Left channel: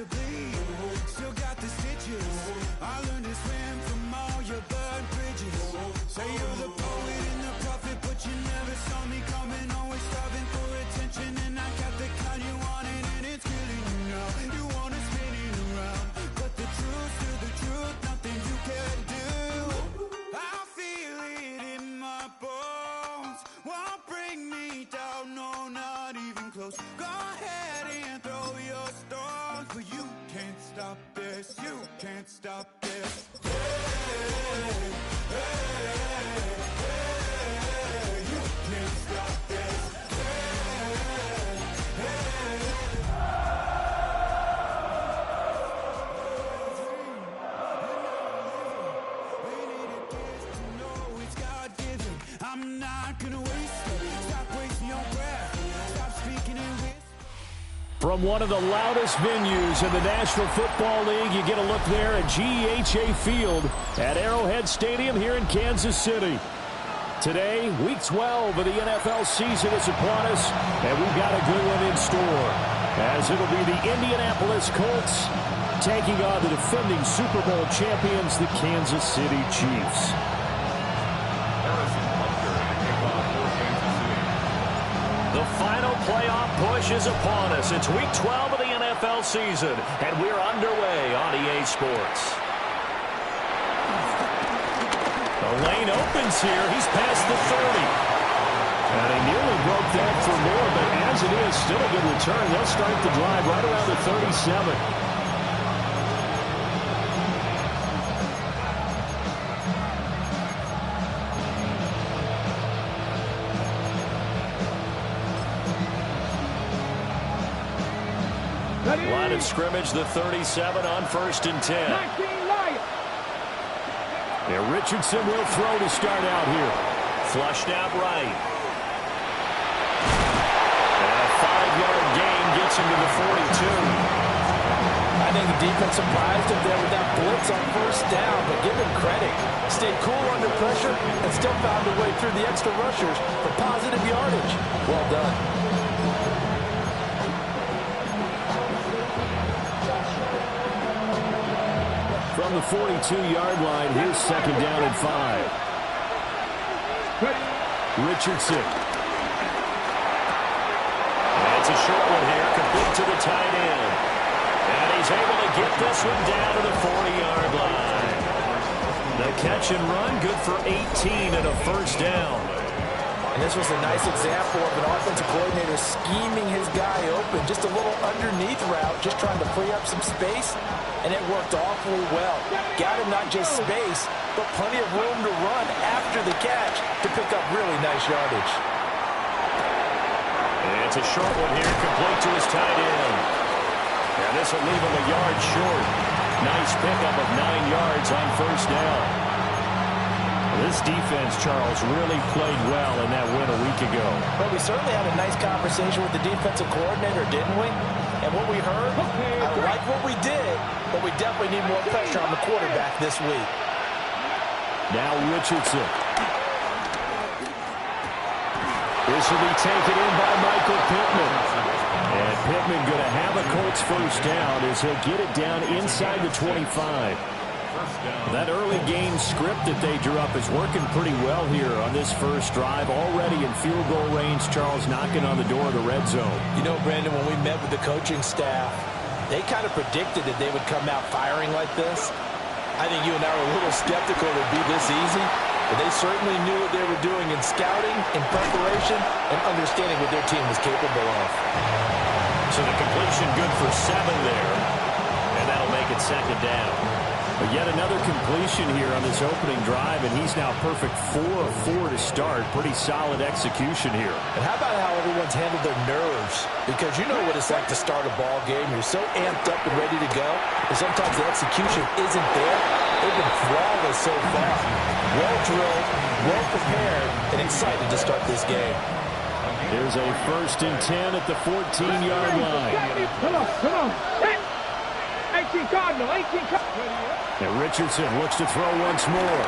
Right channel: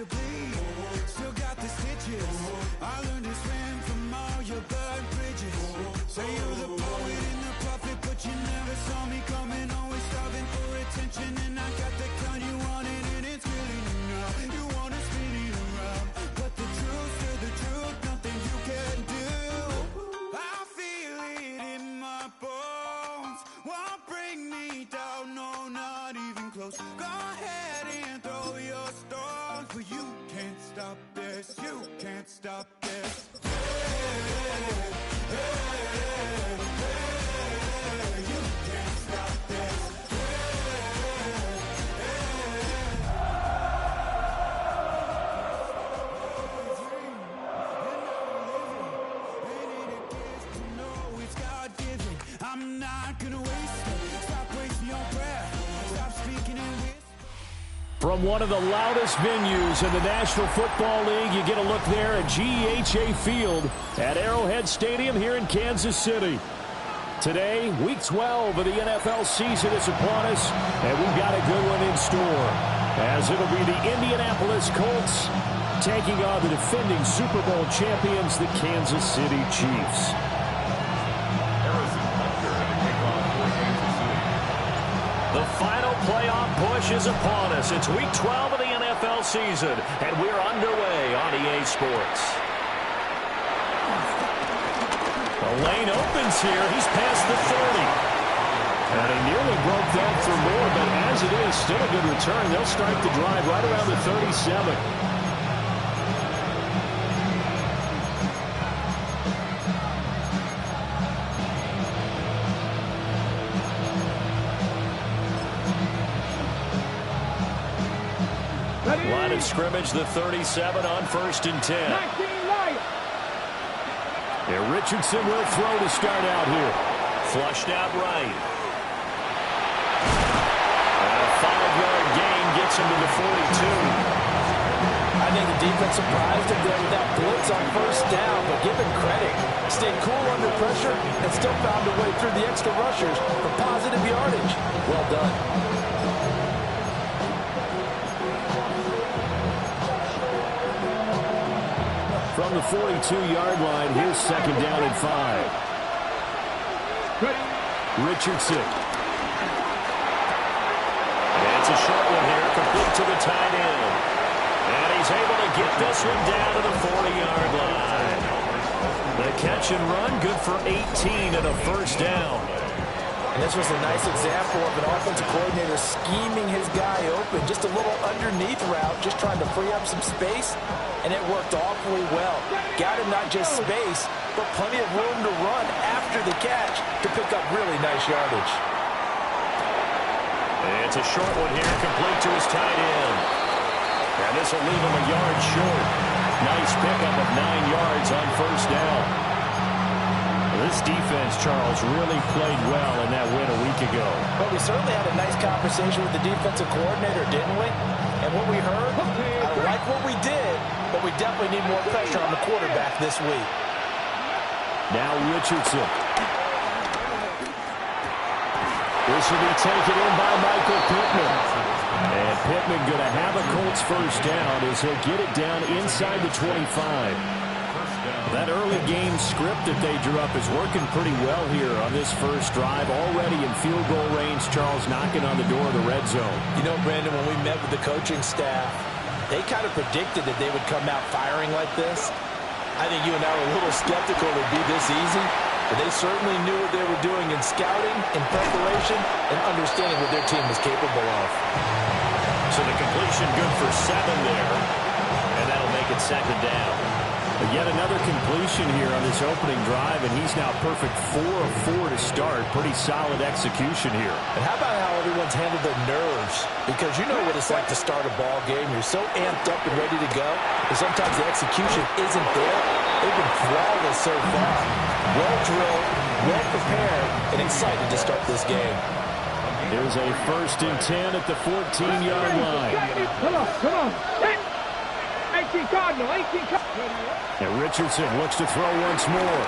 to bleed, still got the stitches. I learned to swim from all your burnt bridges. Say you're the poet and the prophet, but you never saw me coming. Always starving for attention, and I got the kind you wanted, and it's killing you now. You wanna spin it around, but the truth's still the truth. Nothing you can do. I feel it in my bones. Won't bring me down, no, not even close. Go ahead and throw your stones, but you can't stop this. You can't stop this. Hey, hey, hey, you can't stop this. I'm not gonna waste it. Stop wasting your breath. Stop speaking in whisper. From one of the loudest venues in the National Football League, you get a look there at GEHA Field at Arrowhead Stadium here in Kansas City. Today, Week 12 of the NFL season is upon us, and we've got a good one in store, as it'll be the Indianapolis Colts taking on the defending Super Bowl champions, the Kansas City Chiefs. The final playoff push is upon us. It's Week 12 of the NFL season, and we're underway on EA Sports. The lane opens here. He's past the 30. And he nearly broke that for more, but as it is, still a good return. They'll start the drive right around the 37. Line of scrimmage, the 37 on 1st and 10. Yeah, Richardson will throw to start out here. Flushed out right. And a 5-yard gain gets him to the 42. I think the defense surprised him there with that blitz on 1st down, but give him credit. Stayed cool under pressure and still found a way through the extra rushers for positive yardage. Well done. From the 42-yard line, here's 2nd down and 5. Richardson. And it's a short one here, complete to the tight end. And he's able to get this one down to the 40-yard line. The catch and run, good for 18 and a 1st down. And this was a nice example of an offensive coordinator scheming his guy open. Just a little underneath route, just trying to free up some space. And it worked awfully well. Got him not just space, but plenty of room to run after the catch to pick up really nice yardage. And it's a short one here, complete to his tight end. And this will leave him a yard short. Nice pickup of 9 yards on 1st down. This defense, Charles, really played well in that win a week ago. Well, we certainly had a nice conversation with the defensive coordinator, didn't we? And what we heard, I like what we did, but we definitely need more pressure on the quarterback this week. Now Richardson. This will be taken in by Michael Pittman. And Pittman going to have a Colts 1st down as he'll get it down inside the 25. That early game script that they drew up is working pretty well here on this first drive. Already in field goal range, Charles knocking on the door of the red zone. You know, Brandon, when we met with the coaching staff, they kind of predicted that they would come out firing like this. I think you and I were a little skeptical it would be this easy, but they certainly knew what they were doing in scouting, in preparation, and understanding what their team was capable of. So the completion good for 7 there, and that'll make it 2nd down. But yet another completion here on this opening drive, and he's now perfect 4 of 4 to start. Pretty solid execution here. And how about how everyone's handled their nerves? Because you know what it's like to start a ball game. You're so amped up and ready to go, and sometimes the execution isn't there. They've been flawless so far. Well drilled, well prepared, and excited to start this game. Here's a 1st and 10 at the 14-yard line. Come on. 18 Cardinal, 18 Cardinal. And Richardson looks to throw once more.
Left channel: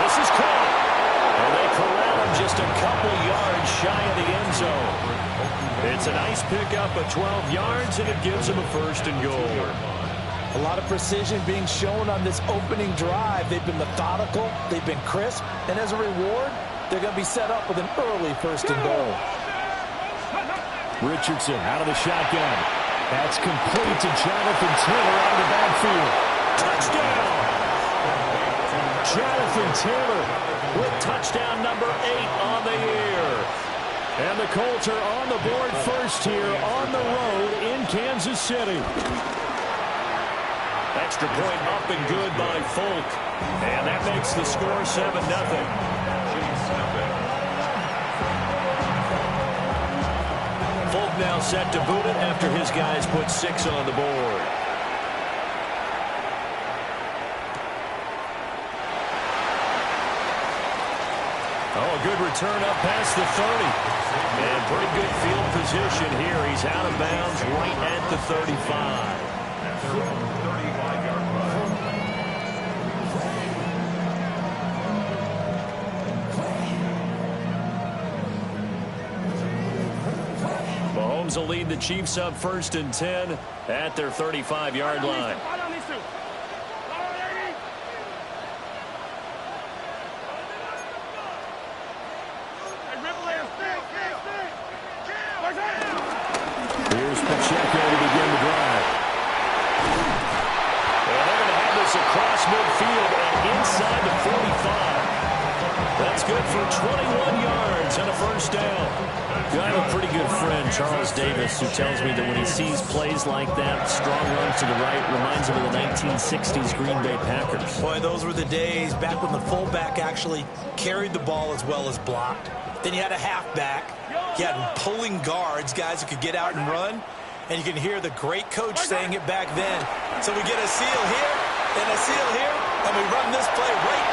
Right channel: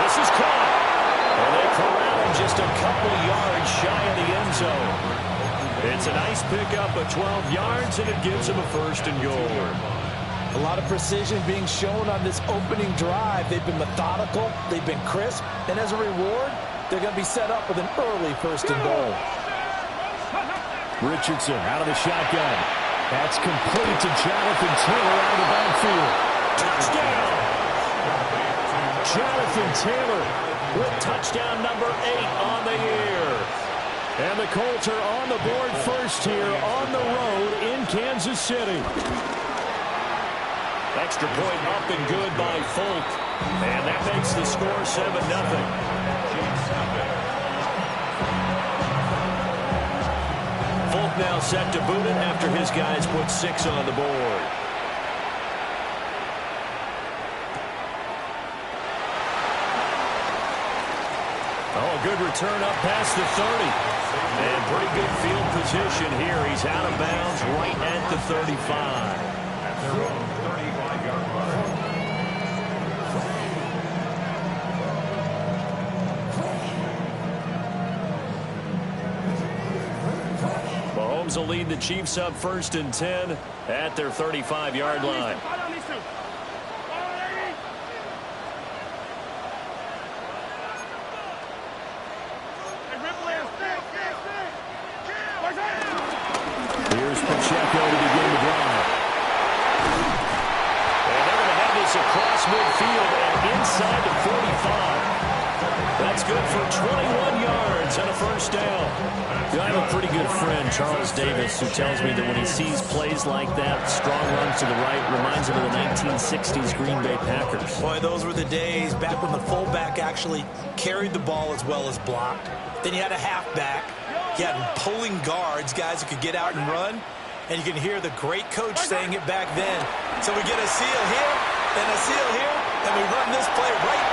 This is caught. And they corral him just a couple yards shy of the end zone. It's a nice pickup of 12 yards, and it gives him a 1st and goal. A lot of precision being shown on this opening drive. They've been methodical, they've been crisp, and as a reward, they're going to be set up with an early 1st and goal. Richardson out of the shotgun. That's complete to Jonathan Taylor out of the backfield. Touchdown! Jonathan Taylor with touchdown number 8 on the year. And the Colts are on the board first here on the road in Kansas City. Extra point up and good by Folk. And that makes the score 7-0. Folk now set to boot it after his guys put 6 on the board. Oh, a good return up past the 30. And pretty good field position here. He's out of bounds right at the 35. At their own 35-yard line. Mahomes will lead the Chiefs up 1st and 10 at their 35-yard line. Here's Pacheco to begin the drive. And they're going to have this across midfield and inside the 45. That's good for 21 yards and a 1st down. I have a pretty good friend, Charles Davis, who tells me that when he sees plays like that, strong runs to the right, reminds him of the 1960s Green Bay Packers. Boy, those were the days back when the fullback actually carried the ball as well as blocked. Then you had a halfback. You had pulling guards, guys who could get out and run. And you can hear the great coach saying it back then. So we get a seal here and a seal here, and we run this play right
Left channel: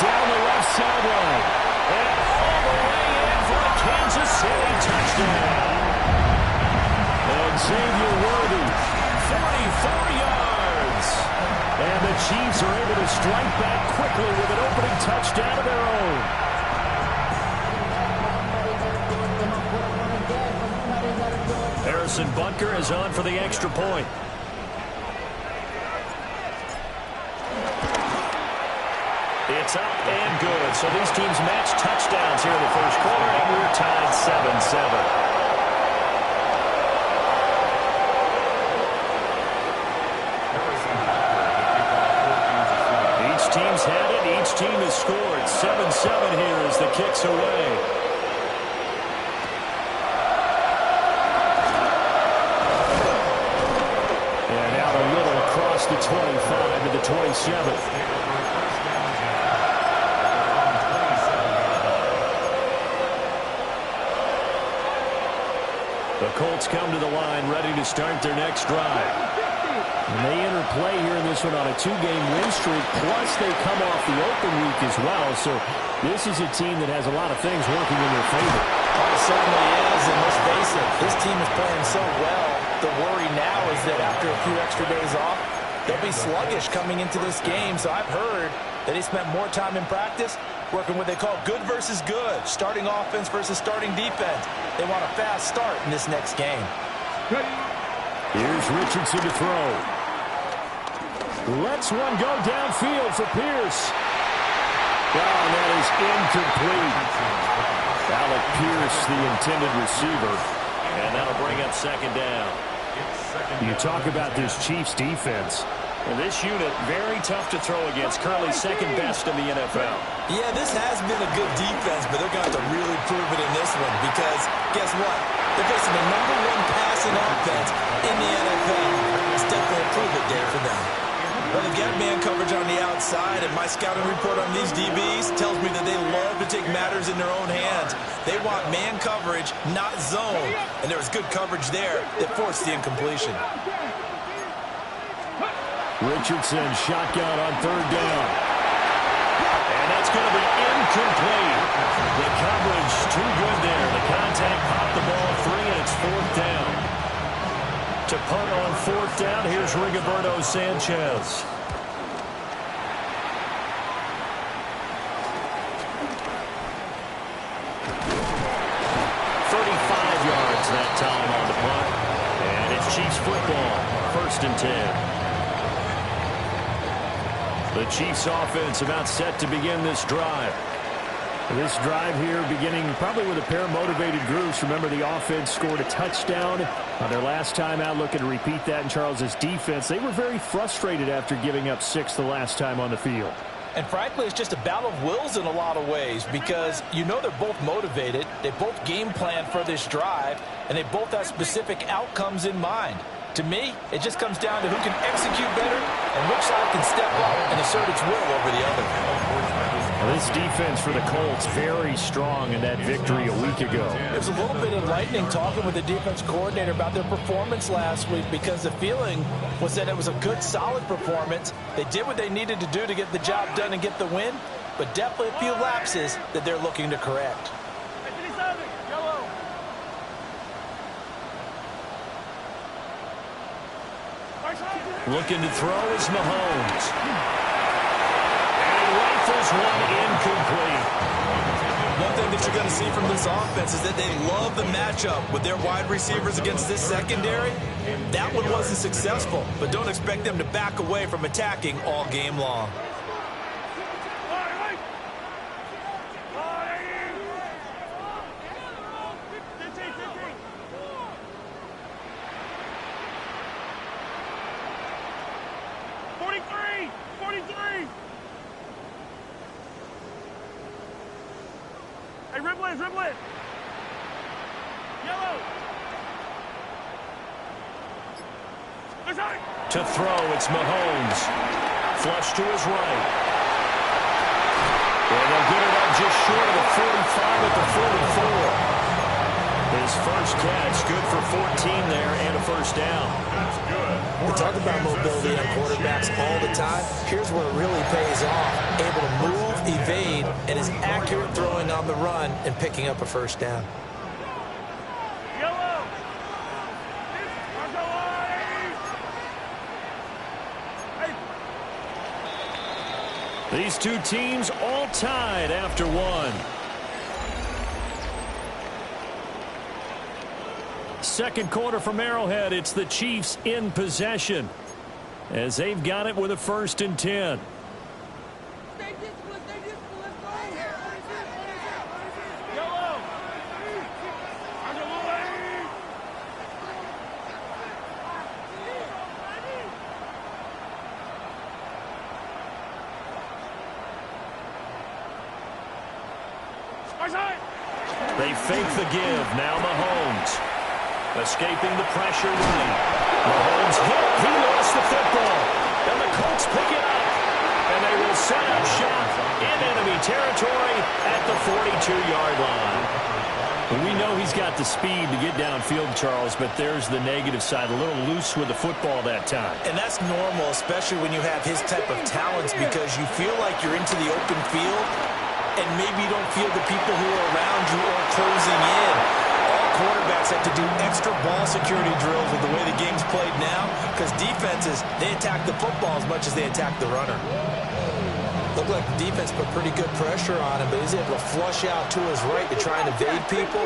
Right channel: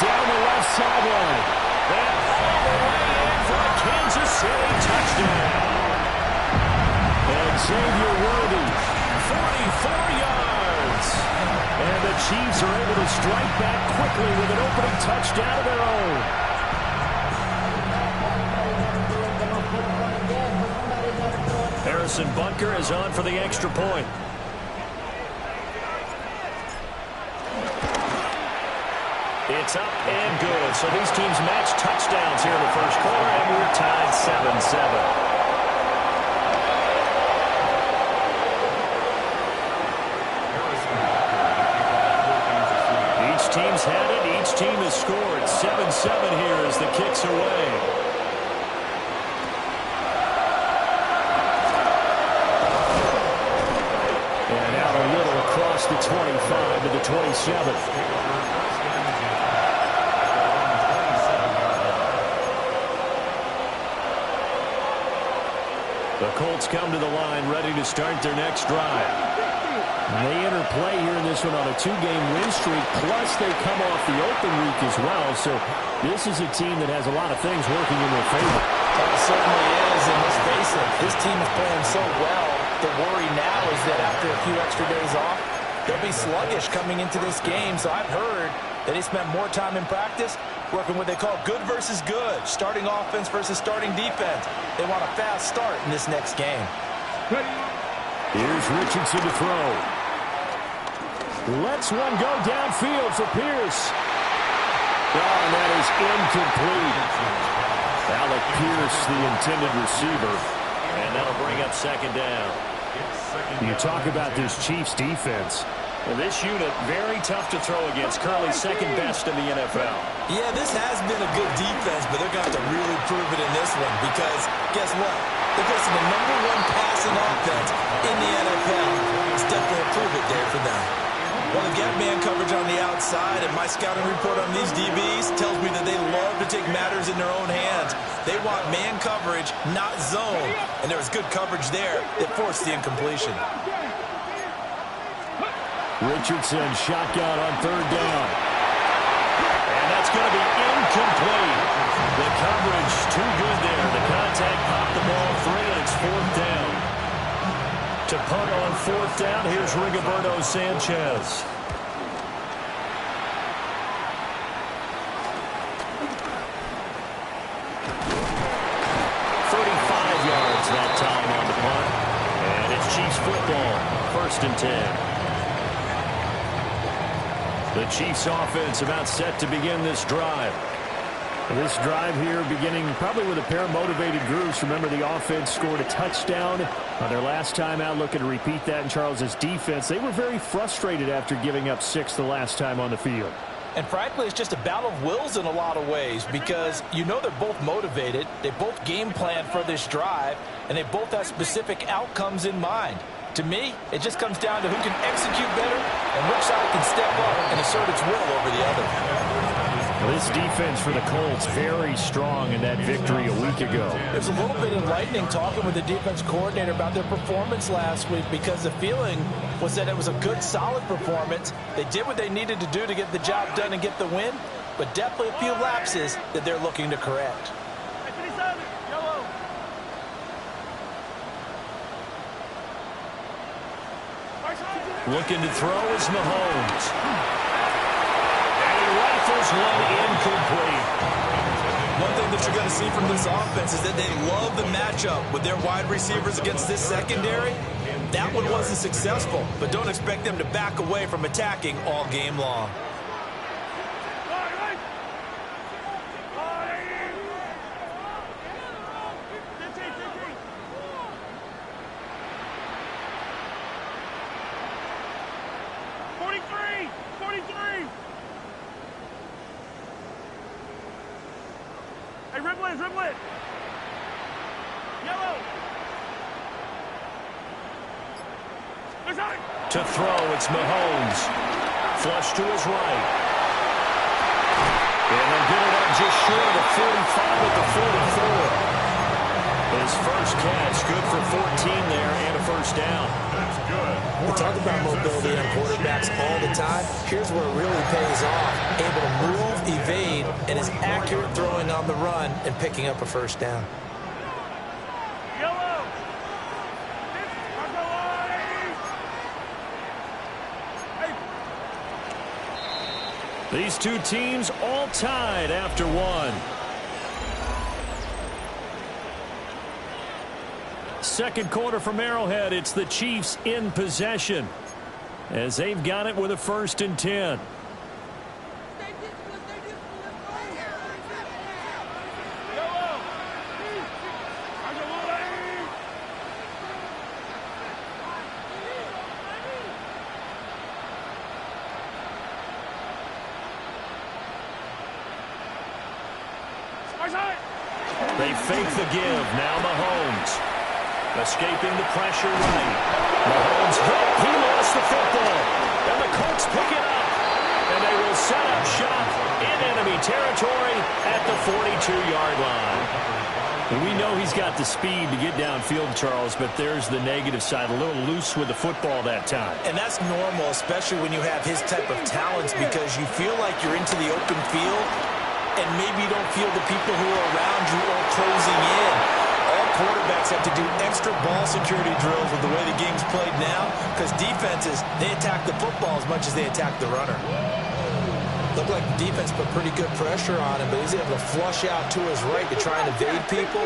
down the left sideline. And all the way in for a Kansas City touchdown. And Xavier Worthy, 44 yards. And the Chiefs are able to strike back quickly with an opening touchdown of their own. Harrison Butker is on for the extra point. It's up and good. So these teams match touchdowns here in the first quarter, and we're tied 7-7. Each team's had it. Each team has scored. 7-7 here as the kick's away. And out a little across the 25 to the 27. The Colts come to the line ready to start their next drive. And they enter play here in this one on a 2-game win streak, plus they come off the open week as well. So this is a team that has a lot of things working in their favor. Well, it certainly is, and let's face it, this team is playing so well. The worry now is that after a few extra days off, they'll be sluggish coming into this game. So I've heard that they spent more time in practice working what they call good versus good, starting offense versus starting defense. They want a fast start in this next game. Here's Richardson to throw. Lets one go downfield for Pierce. Oh, and that is incomplete. Alec Pierce, the intended receiver. And that'll bring up 2nd down. You talk about this Chiefs defense. Well, this unit, very tough to throw against. Currently 2nd best in the NFL. Yeah, this has been a good defense, but they're going to have to really prove it in this one because guess what? They're facing the #1 passing offense in the NFL. It's definitely a prove it day for them. Well, they've got man coverage on the outside, and my scouting report on these DBs tells me that they love to take matters in their own hands. They want man coverage, not zone, and there was good coverage there that forced the incompletion. Richardson shotgun on 3rd down. And that's going to be incomplete. The coverage too good there. The contact popped the ball free, and it's 4th down. To punt on 4th down, here's Rigoberto Sanchez. 1st and 10. The Chiefs offense about set to begin this drive. This drive here beginning probably with a pair of motivated groups. Remember, the offense scored a touchdown on their last time out, looking to repeat that in Charles's defense. They were very frustrated after giving up 6 the last time on the field. And frankly, it's just a battle of wills in a lot of ways because you know they're both motivated. They both game plan for this drive, and they both have specific outcomes in mind. To me, it just comes down to who can execute better and which side can step up and assert its will over the other. Well, this defense for the Colts very strong in that victory a week ago. It was a little bit enlightening talking with the defense coordinator about their performance last week because the feeling was that it was a good, solid performance. They did what they needed to do to get the job done and get the win, but definitely a few lapses that they're looking to correct. Looking to throw is Mahomes. And he rifles one incomplete. One thing that you're going to see from this offense is that they love the matchup with their wide receivers against this secondary. That one wasn't successful, but don't expect them to back away from attacking all game long. Hey, dribble it, dribble it. Yellow. To throw, it's Mahomes. Flush to his right. And they'll get it up just short of the 45 at the 44. His first catch, good for 14 there and a first down. That's good. We talk about mobility on quarterbacks all the time. Here's where it really pays off. Able to move, evade, and is accurate throwing on the run and picking up a first down. Yellow. These two teams all tied after one. Second quarter from Arrowhead, it's the Chiefs in possession as they've got it with a 1st and 10. They fake the give. Now Mahomes. Escaping the pressure right. Mahomes hit. He lost the football. And the Colts pick it up. And they will set up shop in enemy territory at the 42-yard line. We know he's got the speed to get downfield, Charles, but there's the negative side. A little loose with the football that time. And that's normal, especially when you have his type of talents, because you feel like you're into the open field and maybe you don't feel the people who are around you or closing in. All quarterbacks have to do extra ball security drills with the way the game's played now, because defenses, they attack the football as much as they attack the runner. Looked like the defense put pretty good pressure on him, but he's able to flush out to his right to try and evade people.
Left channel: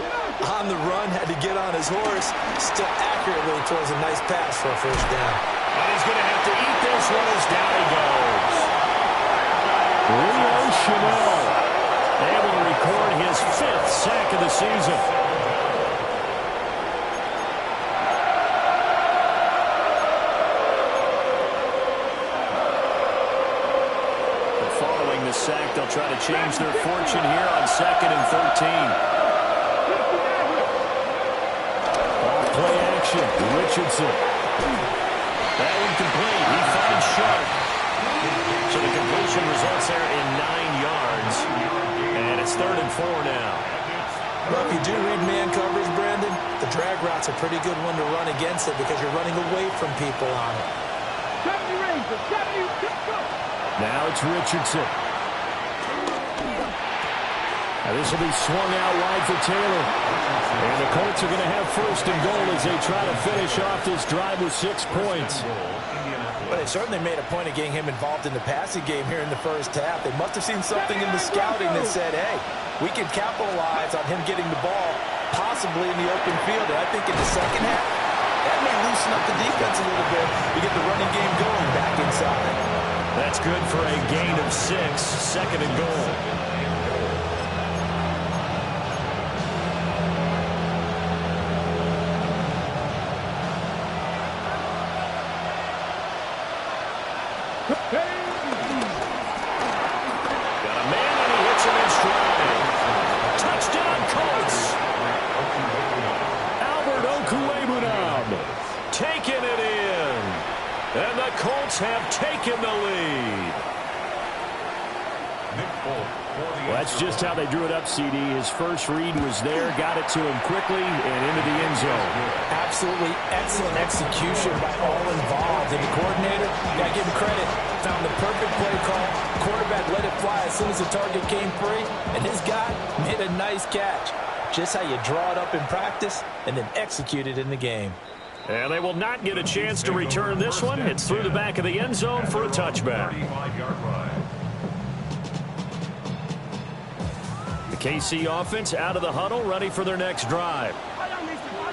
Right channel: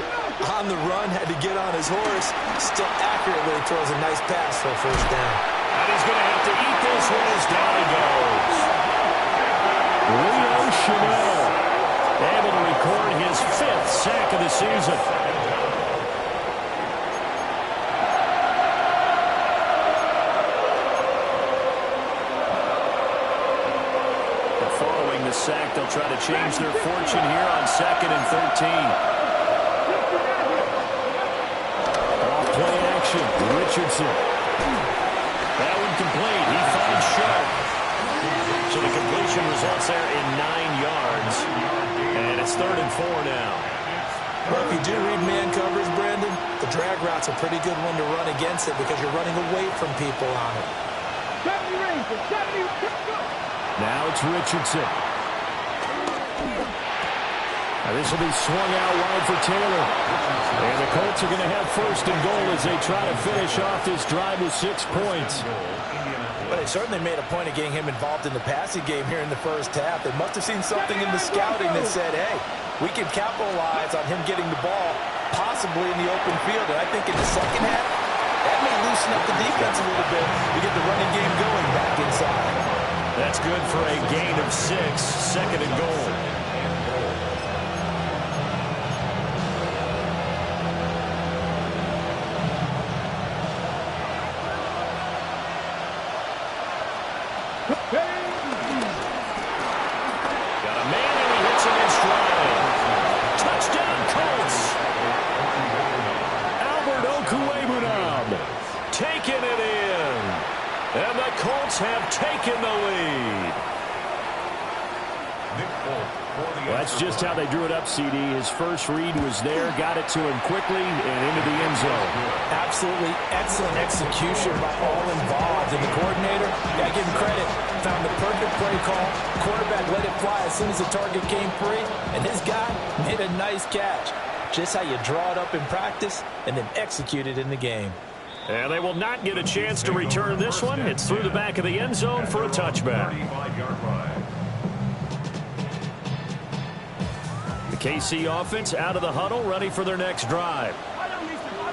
On the run, had to get on his horse. Still accurately throws a nice pass for a first down. And he's going to have to eat this one as down he goes. Leo Chanel able to record his 5th sack of the season. Following the sack, they'll try to change their fortune here on 2nd and 13. Off play action. Richardson. That one complete. He finds Sharp. So the completion results there in 9 yards. And it's 3rd and 4 now. Well, if you do read man coverage, Brandon, the drag route's a pretty good one to run against it because you're running away from people on it. 70 Rangers, 70, go! Now it's Richardson. Now this will be swung out wide for Taylor. And the Colts are going to have 1st and goal as they try to finish off this drive with 6 points. Well, they certainly made a point of getting him involved in the passing game here in the first half. They must have seen something in the scouting that said, hey, we can capitalize on him getting the ball possibly in the open field. And I think in the second half, That may loosen up the defense a little bit to get the running game going back inside. That's good for a gain of 6, 2nd and goal. Got a man and he hits him in stride. Touchdown Colts. Okuwebunam taking it in. And the Colts have taken the lead. Well, that's just how they drew it up, CD. His first read was there, got it to him quickly, and into the end zone. Absolutely excellent execution by all involved. And the coordinator, got to give him credit, found the perfect play call. Quarterback let it fly as soon as the target came free, and his guy made a nice catch. Just how you draw it up in practice and then execute it in the game. And they will not get a chance to return this one. It's through the back of the end zone for a touchback. The KC offense out of the huddle, ready for their next drive.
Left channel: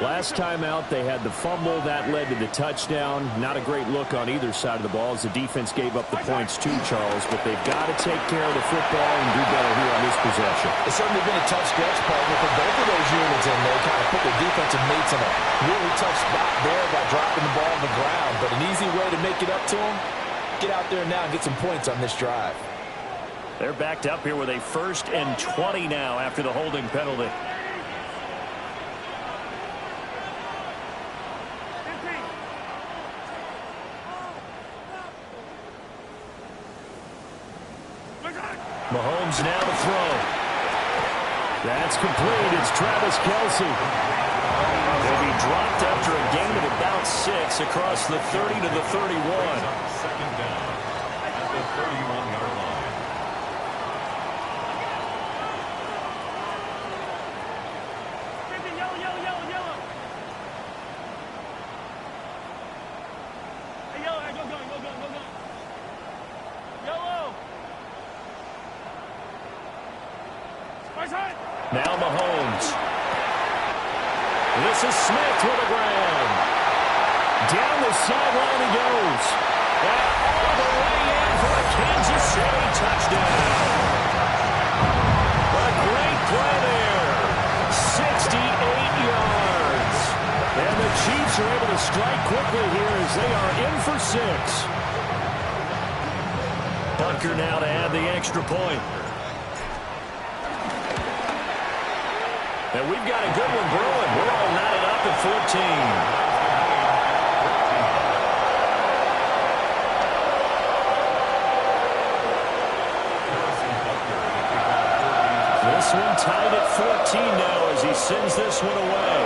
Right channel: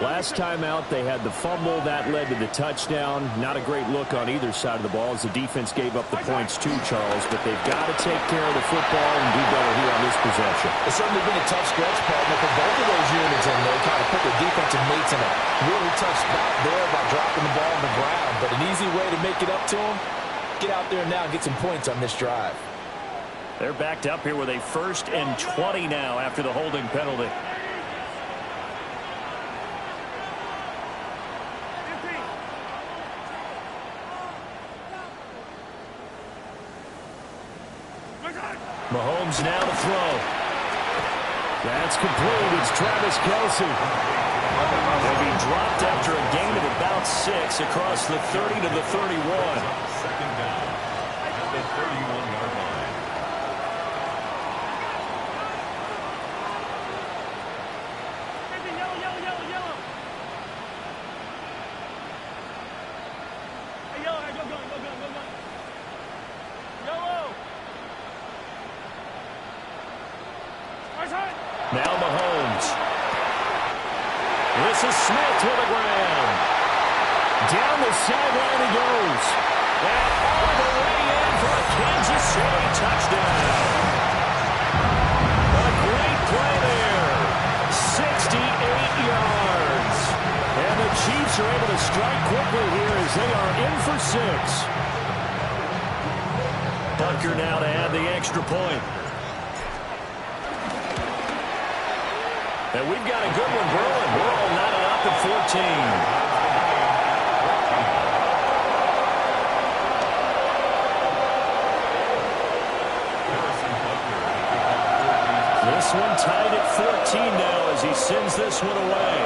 Last time out, they had the fumble. That led to the touchdown. Not a great look on either side of the ball as the defense gave up the points too, Charles. But they've got to take care of the football and do better here on this possession. It's certainly been a tough stretch, partner, for both of those units, and they kind of put their defensive mates in a really tough spot there by dropping the ball on the ground. But an easy way to make it up to them, get out there now and get some points on this drive. They're backed up here with a 1st and 20 now after the holding penalty. Mahomes now to throw. That's complete. It's Travis Kelce. They'll be dropped after a gain of about 6 across the 30 to the 31. 2nd down at the 31-yard line. Yellow, yellow, yellow. Hey, yellow, hey, go gun. Yellow. Now Mahomes. This is Smith with a grab. Down the sideline he goes. And all the way in for a Kansas City touchdown. A great play there. 68 yards. And the Chiefs are able to strike quickly here as they are in for 6. Bunker now to add the extra point. And we've got a good one brewing. We're all knotted up at 14. This one tied at 14 now as he sends this one away.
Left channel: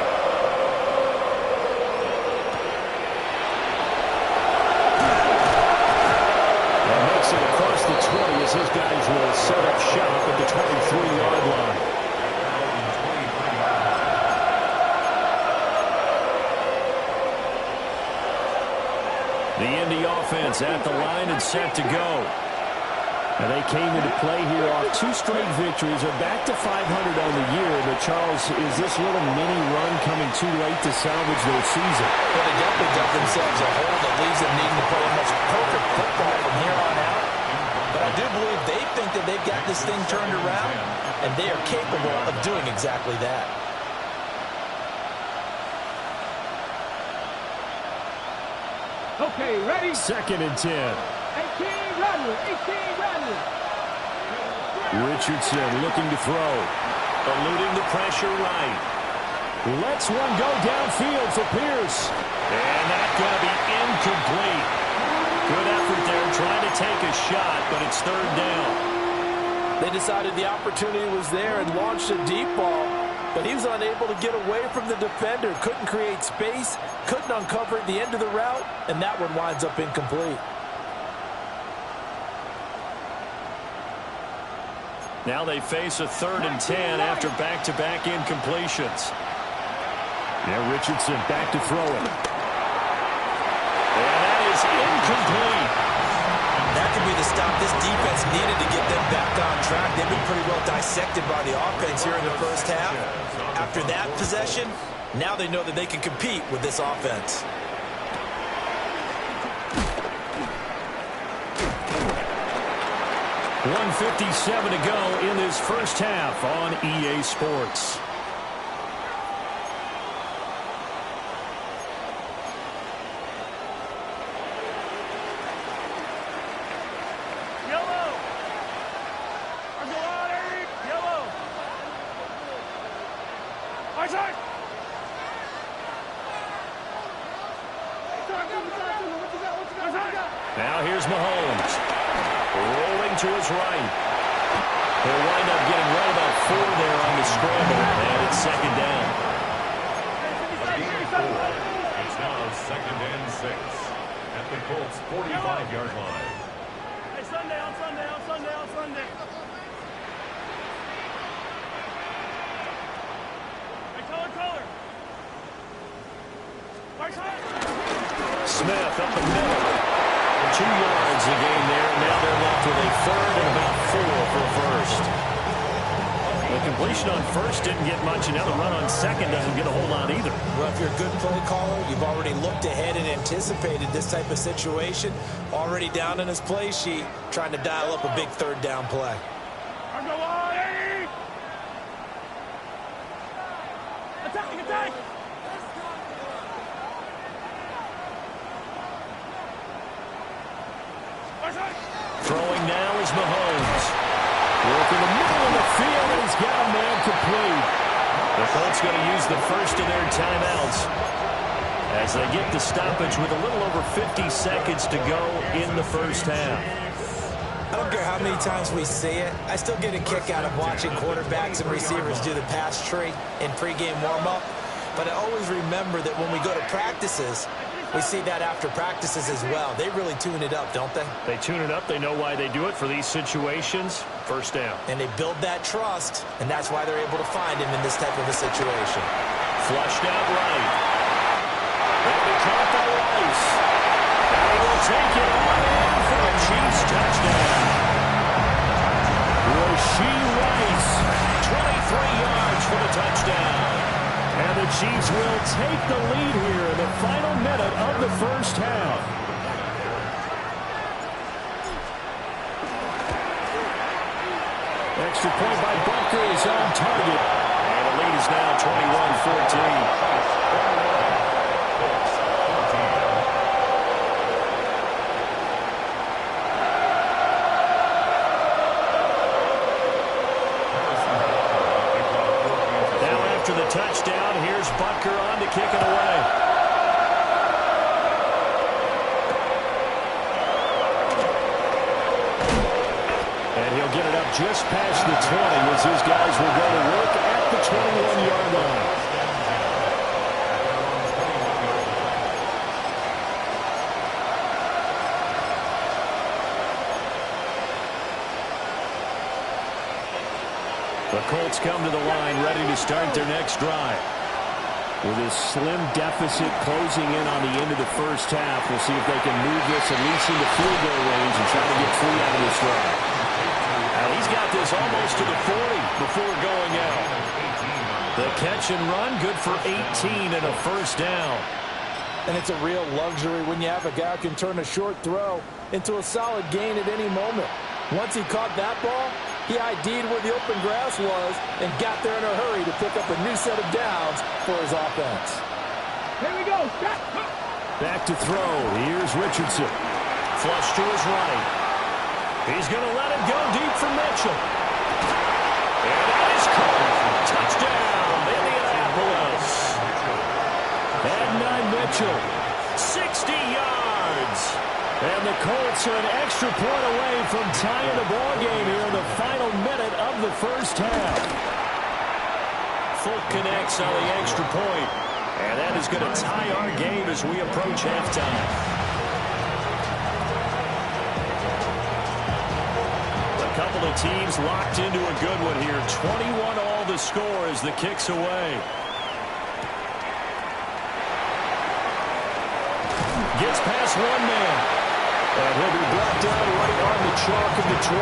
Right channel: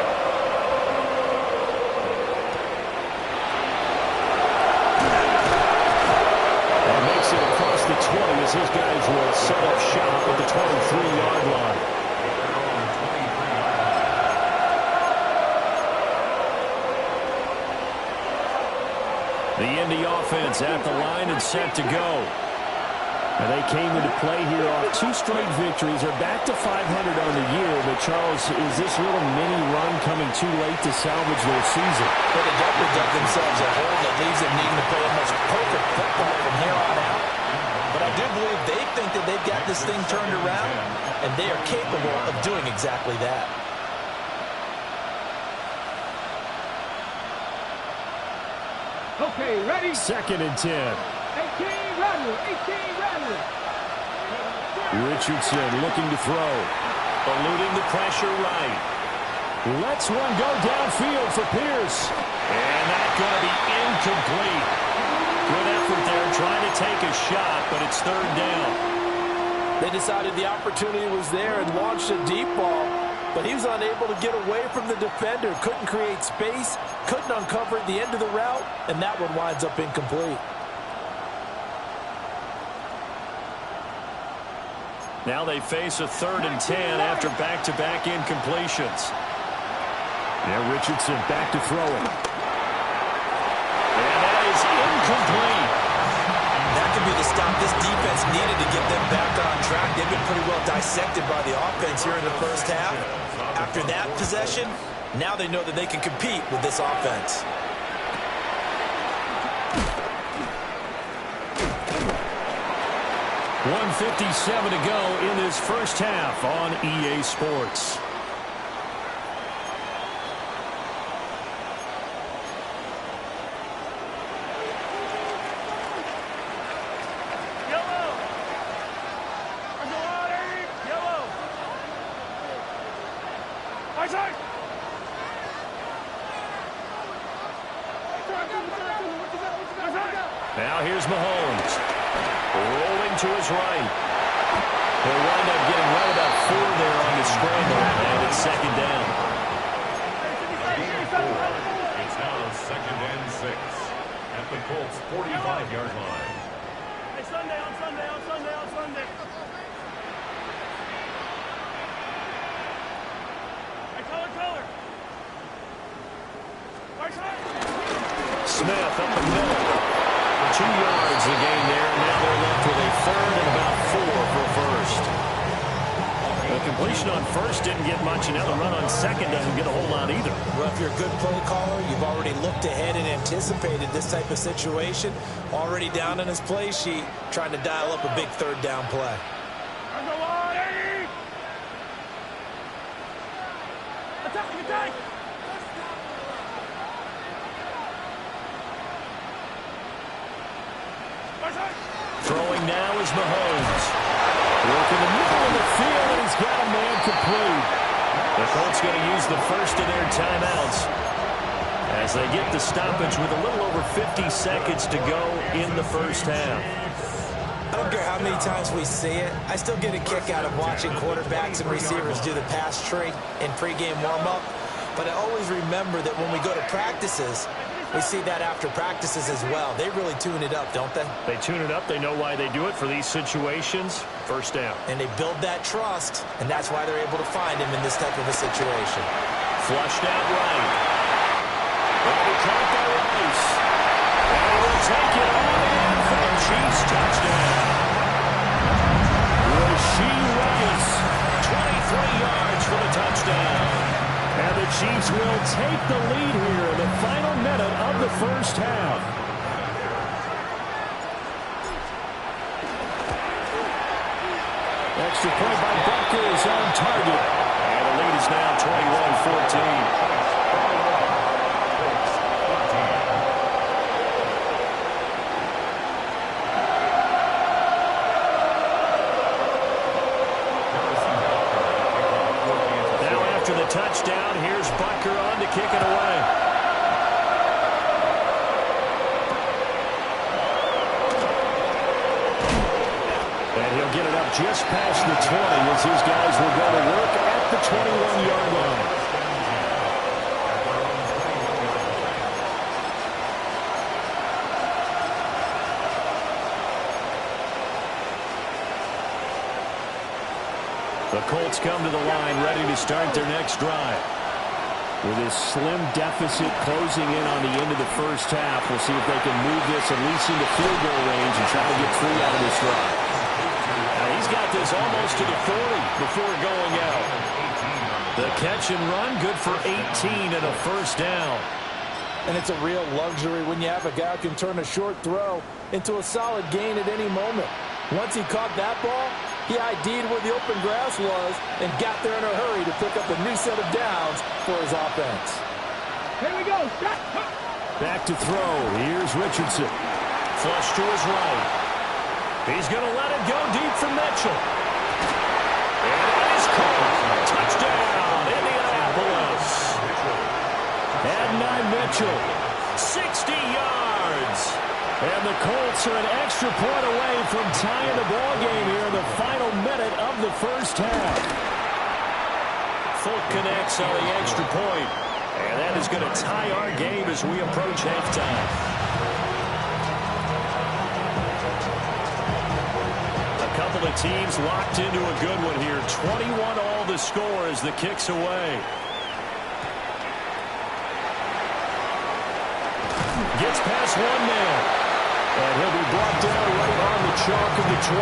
And makes it across the 20 as his guys will set up shop at the 23-yard line. The Indy offense at the line and set to go. And they came into play here off 2 straight victories. They're back to 500 on the year. But, Charles, is this little mini run coming too late to salvage their season? But they definitely dug themselves a hole that leaves them needing to play almost perfect football from here on out. But I do believe they think that they've got this thing turned around, and they are capable of doing exactly that. Okay, ready? 2nd and 10. 18, Radley. Richardson looking to throw. Eluding the pressure right. Lets one go downfield for Pierce. And that's going to be incomplete. Good effort there trying to take a shot, but it's 3rd down. They decided the opportunity was there and launched a deep ball, but he was unable to get away from the defender. Couldn't create space, couldn't uncover at the end of the route, and that one winds up incomplete. Now they face a 3rd and 10 after back-to-back incompletions. Now Richardson back to throw it. And that is incomplete. That could be the stop this defense needed to get them back on track. They've been pretty well dissected by the offense here in the first half. After that possession, Now they know that they can compete with this offense. .157 to go in this first half on EA Sports. Yellow. Yellow. High side. Now here's Mahomes. Rolling to his right. He'll wind up getting right about 4 there on the scramble, and it's second down. It's now 2nd and 6 at the Colts' 45-yard line. Hey, Sunday. Hey, color. Right side. Smith up the middle. 2 yards a gain there, and now they're left with a third and about 4 for a first. The completion on first didn't get much, and now the run on second doesn't get a whole lot either. Well, if you're a good play caller, you've already looked ahead and anticipated this type of situation. Already down in his play sheet, trying to dial up a big third down play. Attack! Throwing now is Mahomes. Work in the middle of the field, and he's got a man complete. The Colts going to use the first of their timeouts as they get the stoppage with a little over 50 seconds to go in the first half. I don't care how many times we see it. I still get a kick out of watching quarterbacks and receivers do the pass tree in pregame warm-up. But I always remember that when we go to practices, we see that after practices as well. They really tune it up, don't they? They tune it up. They know why they do it for these situations. First down. And they build that trust, and that's why they're able to find him in this type of a situation. Flushed out right. That'll be caught by Rice. And he will take it on in for a Chiefs touchdown. Rashee Rice, 23 yards for the touchdown. And the Chiefs will take the lead here in the final minute of the first half. Extra point by Butker is on target. And the lead is now 21-14. After the touchdown, here's Butker on to kick it away. And he'll get it up just past the 20 as his guys will go to work at the 21-yard line. The Colts come to the line ready to start their next drive. With this slim deficit closing in on the end of the first half, we'll see if they can move this at least into field goal range and try to get 3 out of this drive. And he's got this almost to the 40 before going out. The catch and run, good for 18 and a first down. And it's a real luxury when you have a guy who can turn a short throw into a solid gain at any moment. Once he caught that ball, he ID'd where the open grass was and got there in a hurry to pick up a new set of downs for his offense. Here we go. Back to throw. Here's Richardson. Flush to his right. He's going to let it go deep for Mitchell. And that is caught. Touchdown, Indianapolis. And Mitchell, 60 yards. And the Colts are an extra point away from tying the ball game here in the final minute of the first half. Fulk connects on the extra point, and that is going to tie our game as we approach halftime. A couple of teams locked into a good one here. 21-all the score as the kick's away. Gets past one man. And he'll be brought down right on the chalk of the 20.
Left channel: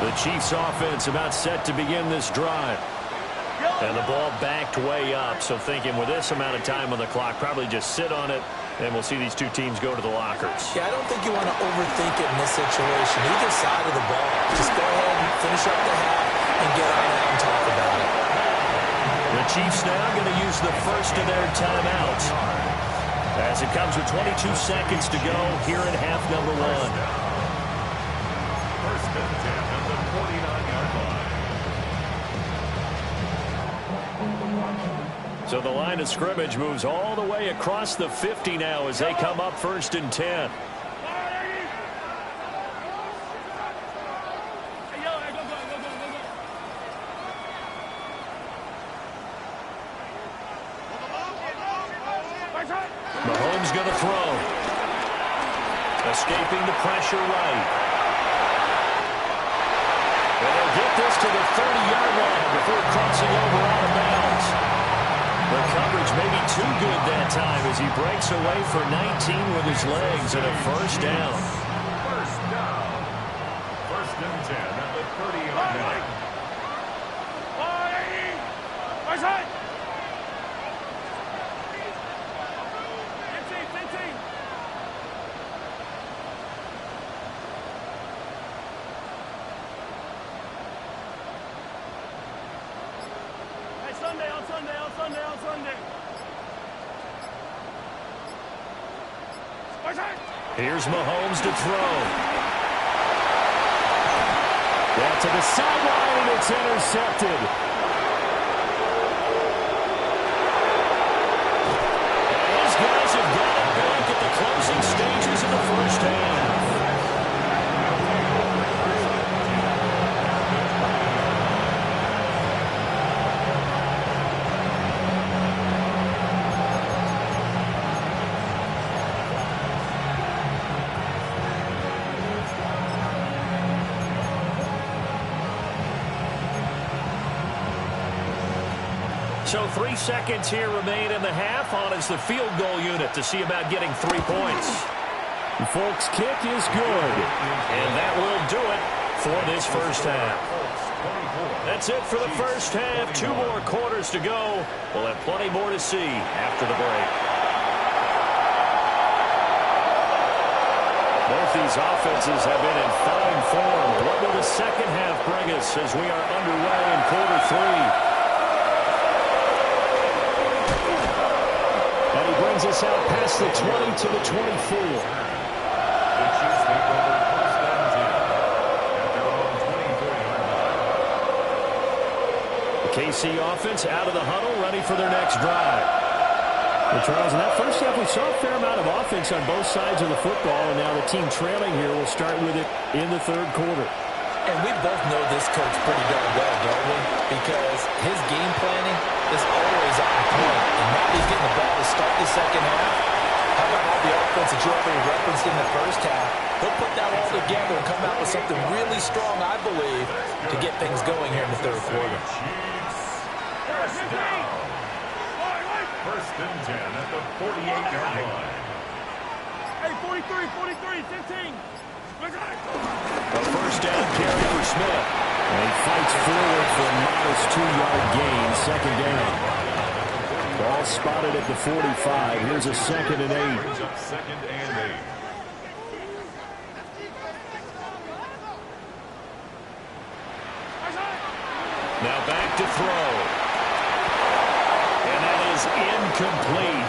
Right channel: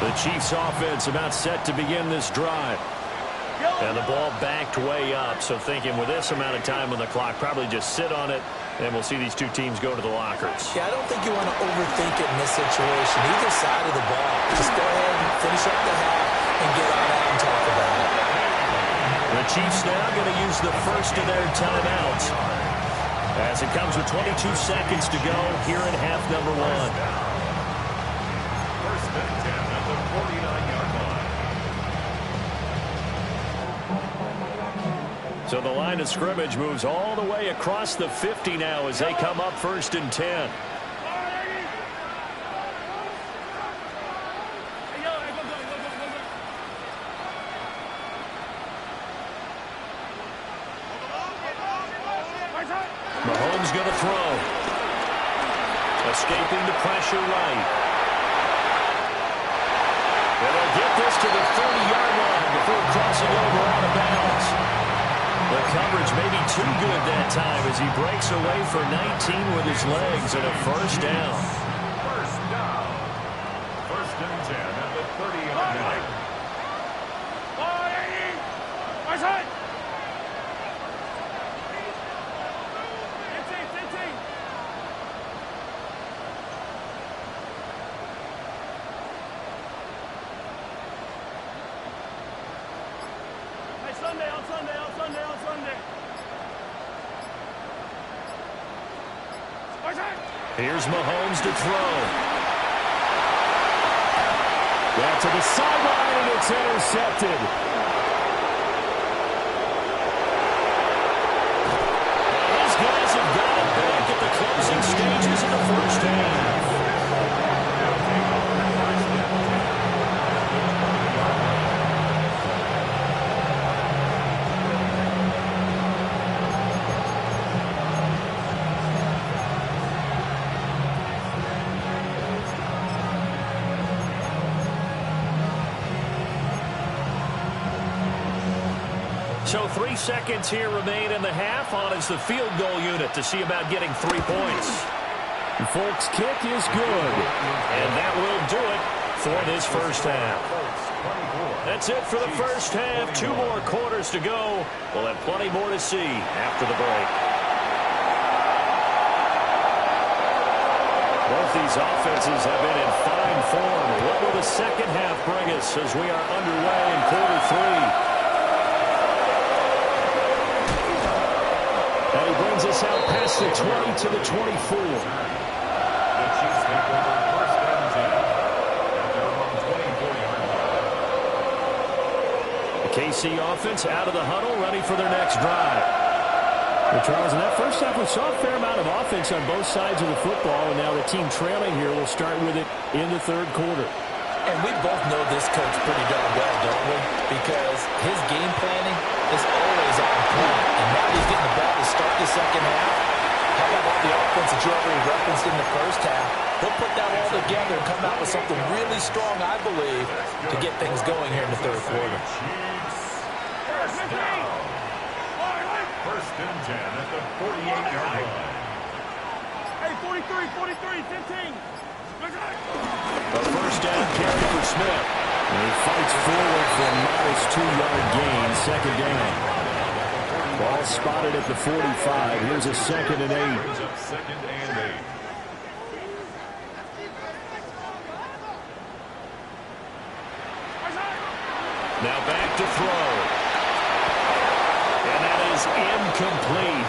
The Chiefs offense about set to begin this drive. And the ball backed way up, so thinking with this amount of time on the clock, probably just sit on it, and we'll see these two teams go to the lockers. Yeah, I don't think you want to overthink it in this situation. Either side of the ball. Just go ahead and finish up the half and get on out and talk about it. The Chiefs now going to use the first of their timeouts, as it comes with 22 seconds to go here in half number one. First and 10 at the 49-yard line. So the line of scrimmage moves all the way across the 50 now as they come up first and 10. Mahomes going to throw. Escaping the pressure right. And they'll get this to the 30-yard line before crossing over out of bounds. The coverage may be too good that time as he breaks away for 19 with his legs and a first down. First down. First and 10 at the 30-yard line. Sunday, on Sunday. Here's Mahomes to throw. That to the sideline, and it's intercepted. And his guys have got it back at the closing stages of the first half. So 3 seconds here remain in the half. On is the field goal unit to see about getting 3 points. Folks' kick is good. And that will do it for this first half. That's it for the first half. 2 more quarters to go. We'll have plenty more to see after the break. Both these offenses have been in fine form. What will the second half bring us as we are underway in quarter 3? And he brings us out past the 20 to the 24. The Chiefs take over first and 10 at their own 24-yard line. The KC offense out of the huddle, ready for their next drive. Well, Charles, in that first half, we saw a fair amount of offense on both sides of the football, and now the team trailing here will start with it in the third quarter. And we both know this coach pretty darn well, don't we? Because his game planning is always on point. And now he's getting the ball to start the second half. How about all the offense that you already referenced in the first half? He'll put that all together and come out with something really strong, I believe, to get things going here in the third quarter. First down. First and 10 at the 48-yard line. Hey, 43, 15. A first down carry for Smith. And he fights forward for a modest 2-yard gain, second down. Ball spotted at the 45. Here's a second and 8. Brings up second and 8. Now back to throw. And that is incomplete.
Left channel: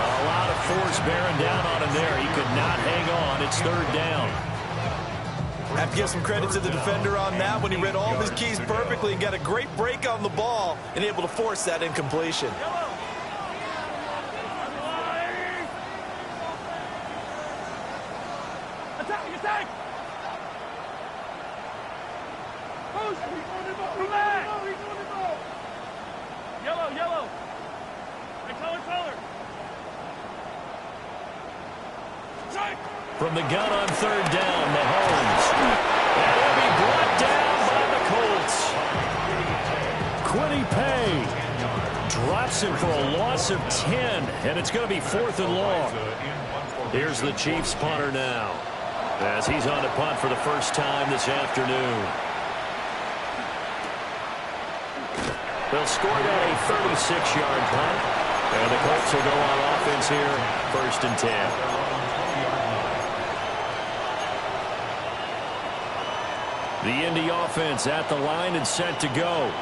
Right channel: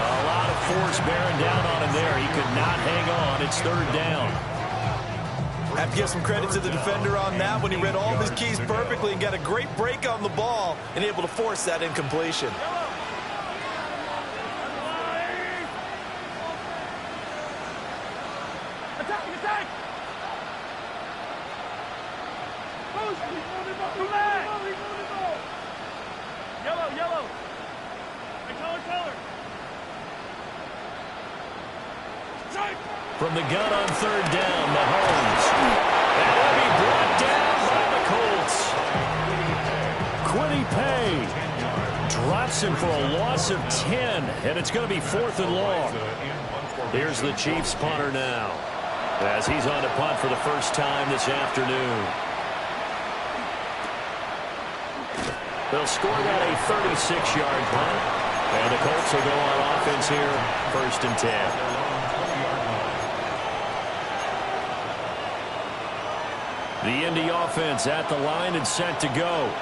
A lot of force bearing down on him there. He could not hang on. It's third down. I have to give some credit to the defender on that when he read all of his keys perfectly and got a great break on the ball and able to force that incompletion. Attack! Yellow. Hey, color. From the gun on third down, Mahomes. And he'll be brought down by the Colts. Quiddy Pay drops him for a loss of 10, and it's going to be 4th and long. Here's the Chiefs punter now, as he's on to punt for the first time this afternoon. They'll score that a 36-yard punt. And the Colts will go on offense here, 1st and 10. The Indy offense at the line and set to go.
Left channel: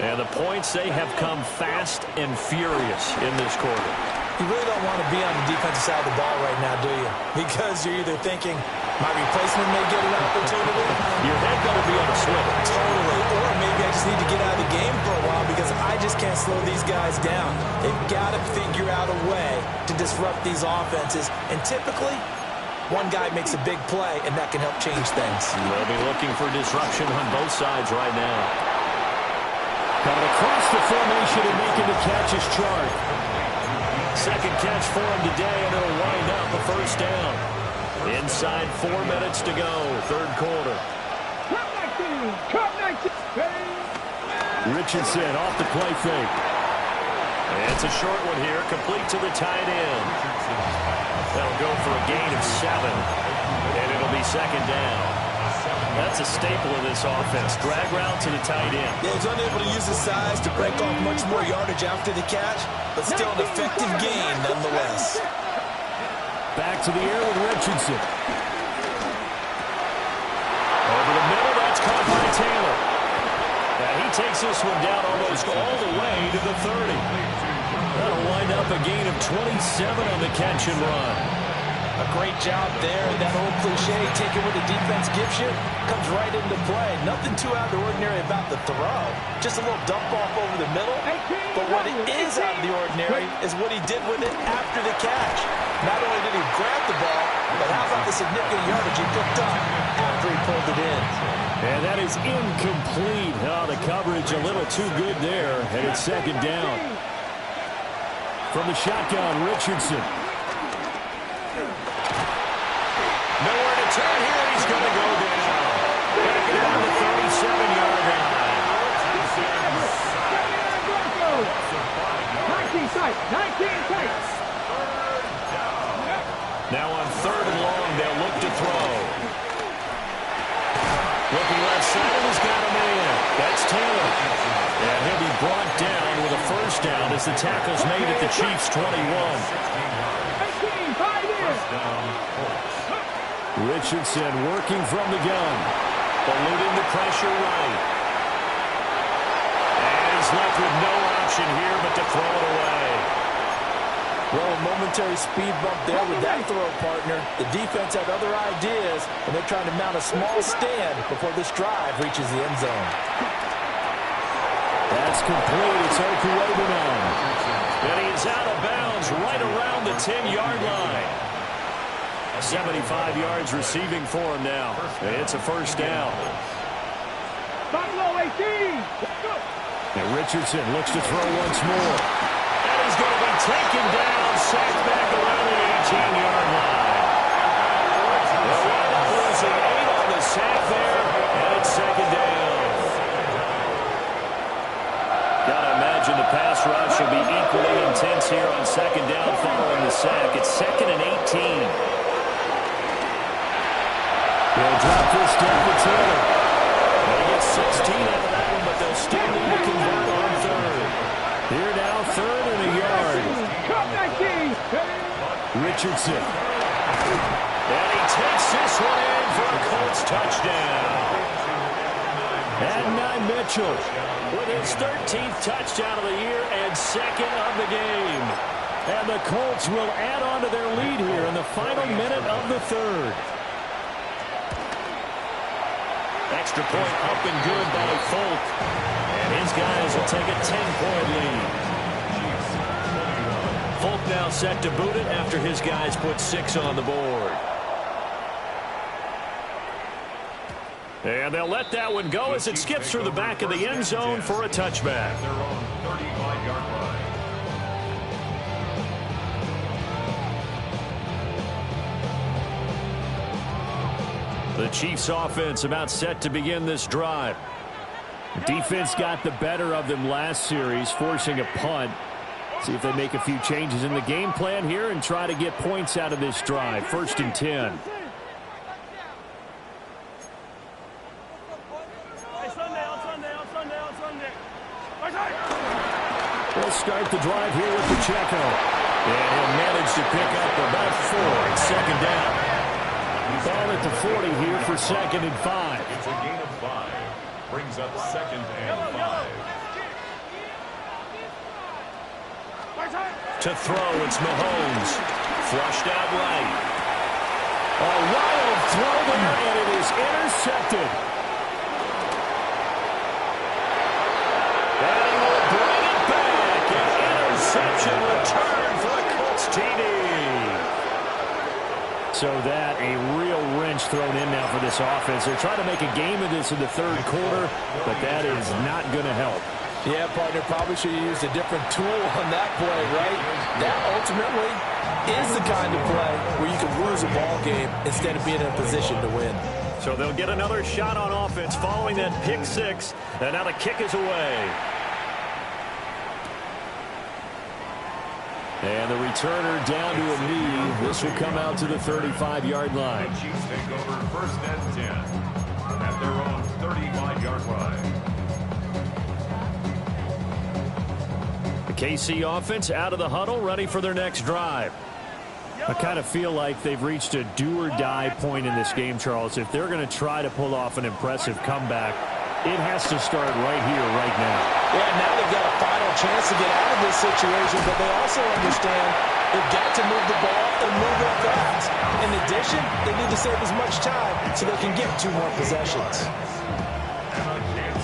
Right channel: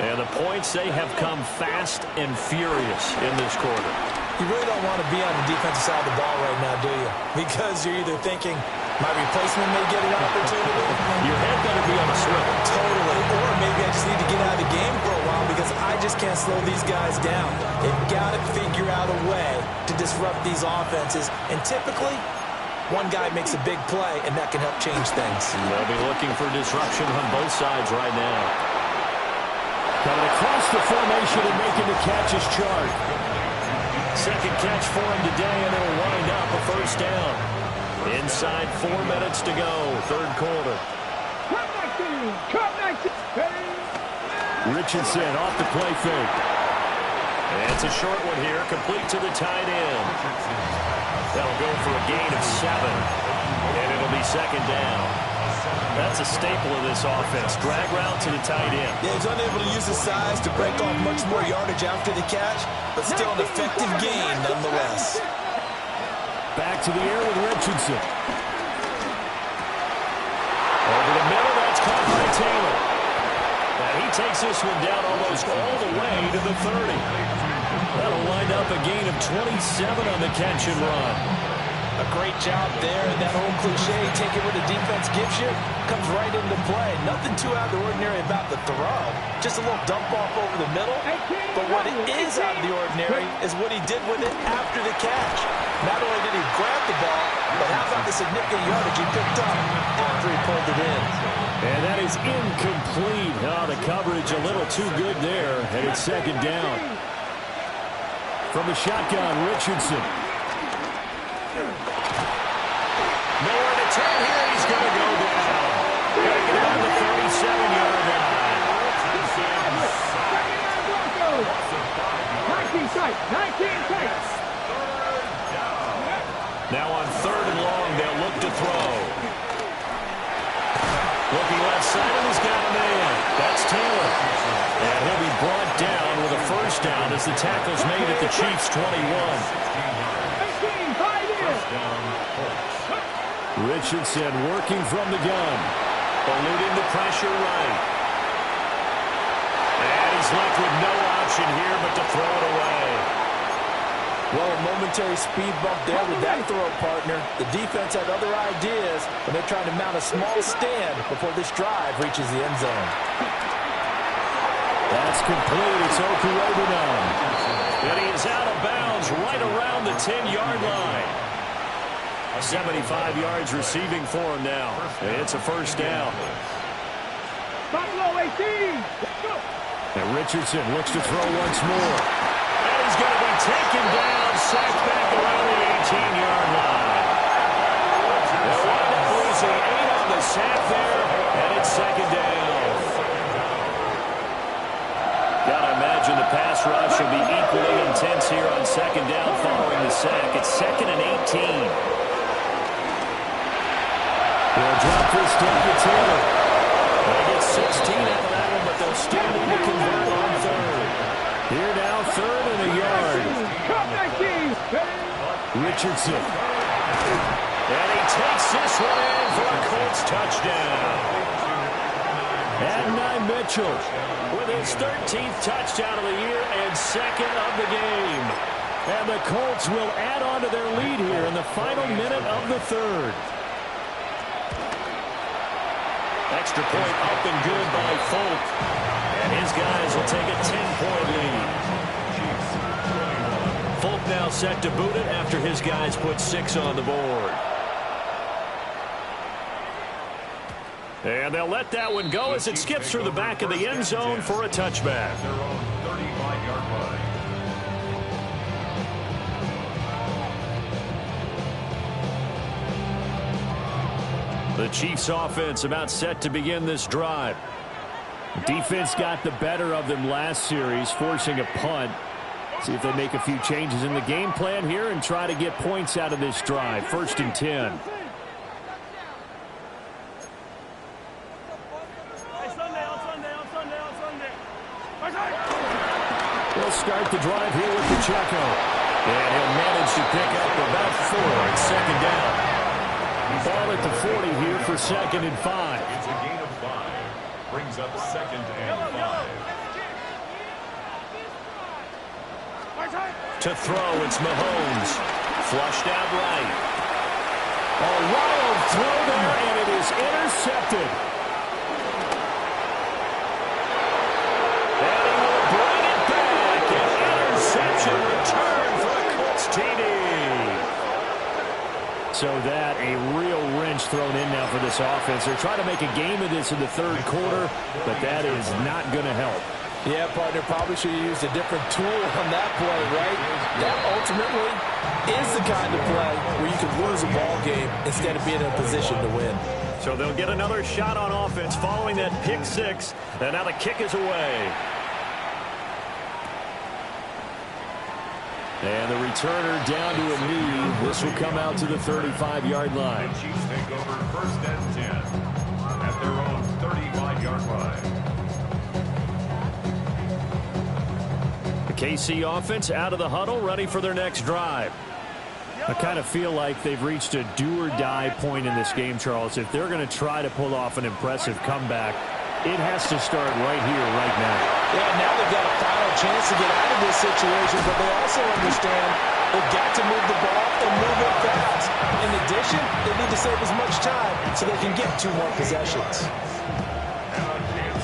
And the points, they have come fast and furious in this quarter. You really don't want to be on the defensive side of the ball right now, do you? Because you're either thinking, my replacement may get an opportunity. Your head better be on a swivel. Totally. Or maybe I just need to get out of the game for a while because I just can't slow these guys down. They've got to figure out a way to disrupt these offenses. And typically, one guy makes a big play, and that can help change things. They'll be looking for disruption on both sides right now. Coming across the formation and making the catch is Chart. Second catch for him today, and it'll wind up a 1st down. Inside 4 minutes to go, 3rd quarter. Richardson off the play fake. And it's a short one here, complete to the tight end. That'll go for a gain of 7, and it'll be 2nd down. That's a staple of this offense. Drag route to the tight end. Yeah, he's unable to use his size to break off much more yardage after the catch, but still an effective gain nonetheless. Back to the air with Richardson. Over the middle, that's caught by Taylor. And he takes this one down almost all the way to the 30. That'll wind up a gain of 27 on the catch and run. A great job there, and that old cliche, take it where the defense gives you, comes right into play. Nothing too out of the ordinary about the throw. Just a little dump off over the middle. But what is out of the ordinary is what he did with it after the catch. Not only did he grab the ball, but how about the significant yardage he picked up after he pulled it in. And that is incomplete. Oh, the coverage a little too good there, and it's 2nd down. From the shotgun, Richardson. Nowhere to turn here, and he's going to go down. Got to get him on the 37-yard line. 19 tight. Now on 3rd and long, they'll look to throw. Looking left side, and he's got a man. That's Taylor. And he'll be brought down with a 1st down as the tackle's made at the Chiefs' 21. Richardson working from the gun. Eluding the pressure right. And he's left with no option here but to throw it away. Well, a momentary speed bump there with that throw partner. The defense had other ideas, and they're trying to mount a small stand before this drive reaches the end zone. That's complete. It's Okuwobunan. And he is out of bounds right around the 10-yard line. 75 yards receiving for him now. It's a 1st down. Buffalo 18. Let's go. And Richardson looks to throw once more. And he's going to be taken down, sacked back around the 18-yard line. They'll wind up losing 8 on the sack there, and it's 2nd down. Got to imagine the pass rush will be equally intense here on 2nd down following the sack. It's 2nd and 18. They'll drop this down to Taylor. They get 16 out of that one, but they'll still need to convert on 3rd. Here now, 3rd and a yard. Richardson. And he takes this one in for a Colts touchdown. And Mitchell with his 13th touchdown of the year and 2nd of the game. And the Colts will add on to their lead here in the final minute of the 3rd. Extra point up and good by Folk. And his guys will take a 10-point lead. Folk now set to boot it after his guys put 6 on the board. And they'll let that one go as it skips through the back of the end zone for a touchback. Their own 35-yard line. The Chiefs offense about set to begin this drive. Defense got the better of them last series, forcing a punt. See if they make a few changes in the game plan here and try to get points out of this drive. 1st and 10. Hey, Sunday. start the drive here with Pacheco. And he'll manage to pick up about 4 at second down. Ball at the 40 here for 2nd and 5. It's a gain of 5. Brings up 2nd and 5. To throw, it's Mahomes. Flushed out right. A wild throw there, and it is intercepted. And he will bring it back. An interception return for the Colts TD. So that, a real wrench thrown in now for this offense. They're trying to make a game of this in the 3rd quarter, but that is not going to help. Yeah, partner, probably should have used a different tool on that play, right? That ultimately is the kind of play where you can lose a ball game instead of being in a position to win. So they'll get another shot on offense following that pick 6, and now the kick is away. And the returner down to a knee. This will come out to the 35-yard line. The Chiefs take over 1st and 10 at their own 35-yard line. The KC offense out of the huddle, ready for their next drive. I kind of feel like they've reached a do-or-die point in this game, Charles. If they're going to try to pull off an impressive comeback, it has to start right here, right now. Yeah, now they've got a final chance to get out of this situation, but they also understand they've got to move the ball and move it fast. In addition, they need to save as much time so they can get 2 more possessions.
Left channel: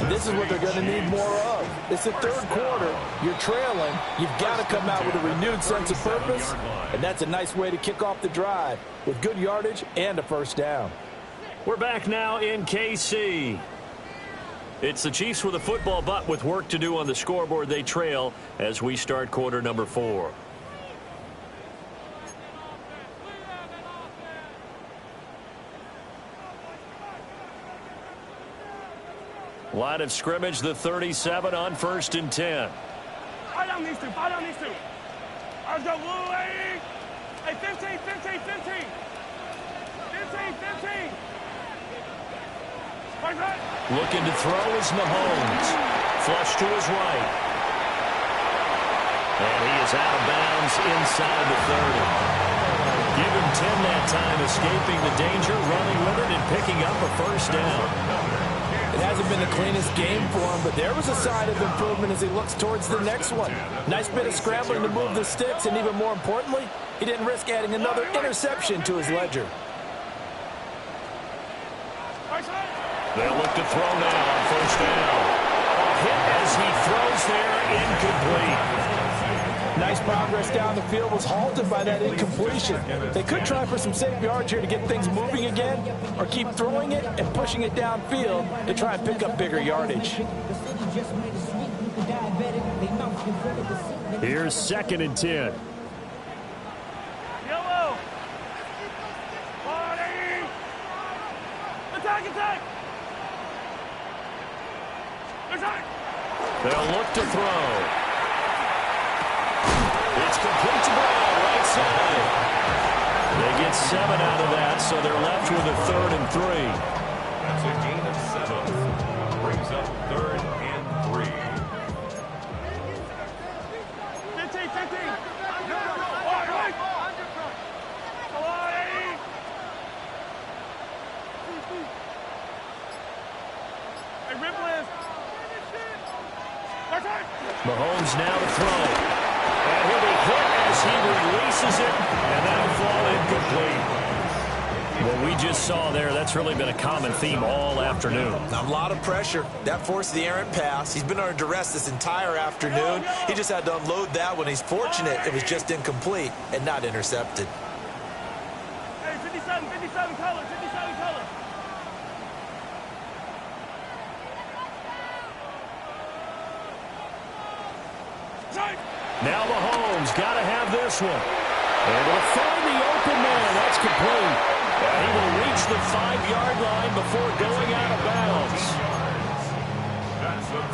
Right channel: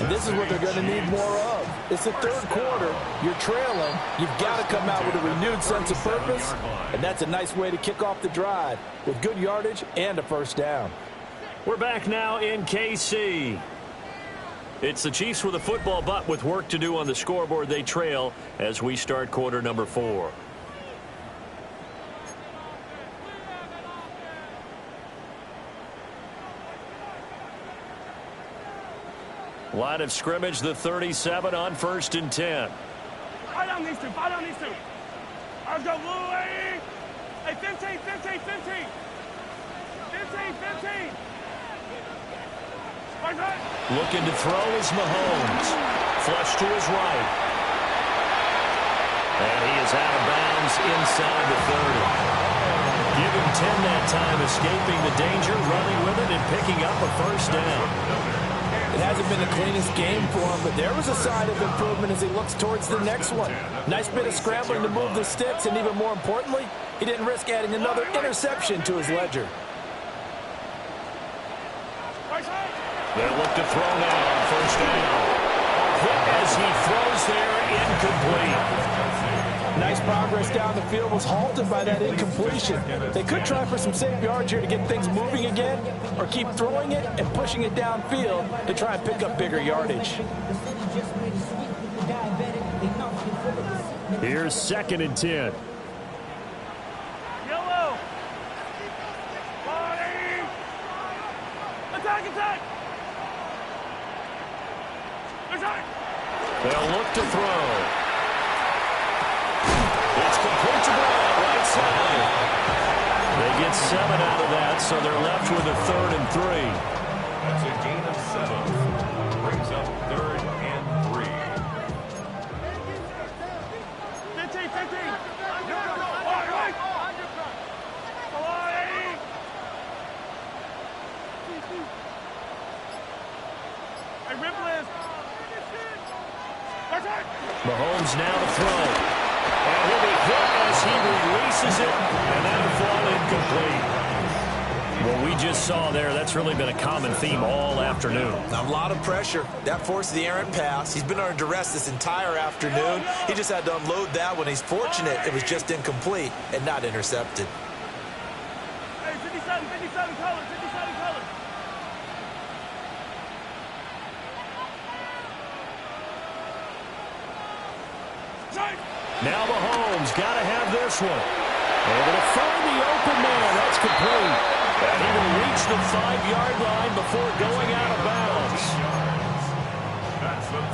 And this is what they're going to need more of. It's the 3rd quarter. You're trailing. You've got to come out with a renewed sense of purpose, and that's a nice way to kick off the drive with good yardage and a 1st down. We're back now in KC. It's the Chiefs with a football, but with work to do on the scoreboard. They trail as we start quarter number 4. Line of scrimmage, the 37 on 1st and 10. Fight down these 2. Fight down these 2. Let's go, Blue. Hey, 15, 15, 15. 15, 15. Looking to throw is Mahomes. Flush to his right. And he is out of bounds inside the 30. Give him 10 that time, escaping the danger, running with it, and picking up a 1st down. It hasn't been the cleanest game for him, but there was a sign of improvement as he looks towards the next one. Nice bit of scrambling to move the sticks, and even more importantly, he didn't risk adding another interception to his ledger. They'll look to throw now on 1st down. Hit as he throws there, incomplete. Nice progress down the field was halted by that incompletion. They could try for some safe yards here to get things moving again, or keep throwing it and pushing it downfield to try and pick up bigger yardage. Here's 2nd and 10. Yellow. Body. Attack. They'll look to throw. It's complete to Brown, right side. They get 7 out of that, so they're left with a 3rd and 3. That's a gain of 7. Brings up 3rd and 3. 15. All right. Hey, Ripley. Mahomes now to throw. And he'll be hit as he releases it, and that'll fall incomplete. What we just saw there, that's really been a common theme all afternoon. A lot of pressure. That forced the errant pass. He's been under duress this entire afternoon. He just had to unload that one. He's fortunate it was just incomplete and not intercepted. Hey, 57 colors. Now Mahomes got to have this one. Able to find the open man. That's complete. And he will reach the 5-yard line before going out of bounds.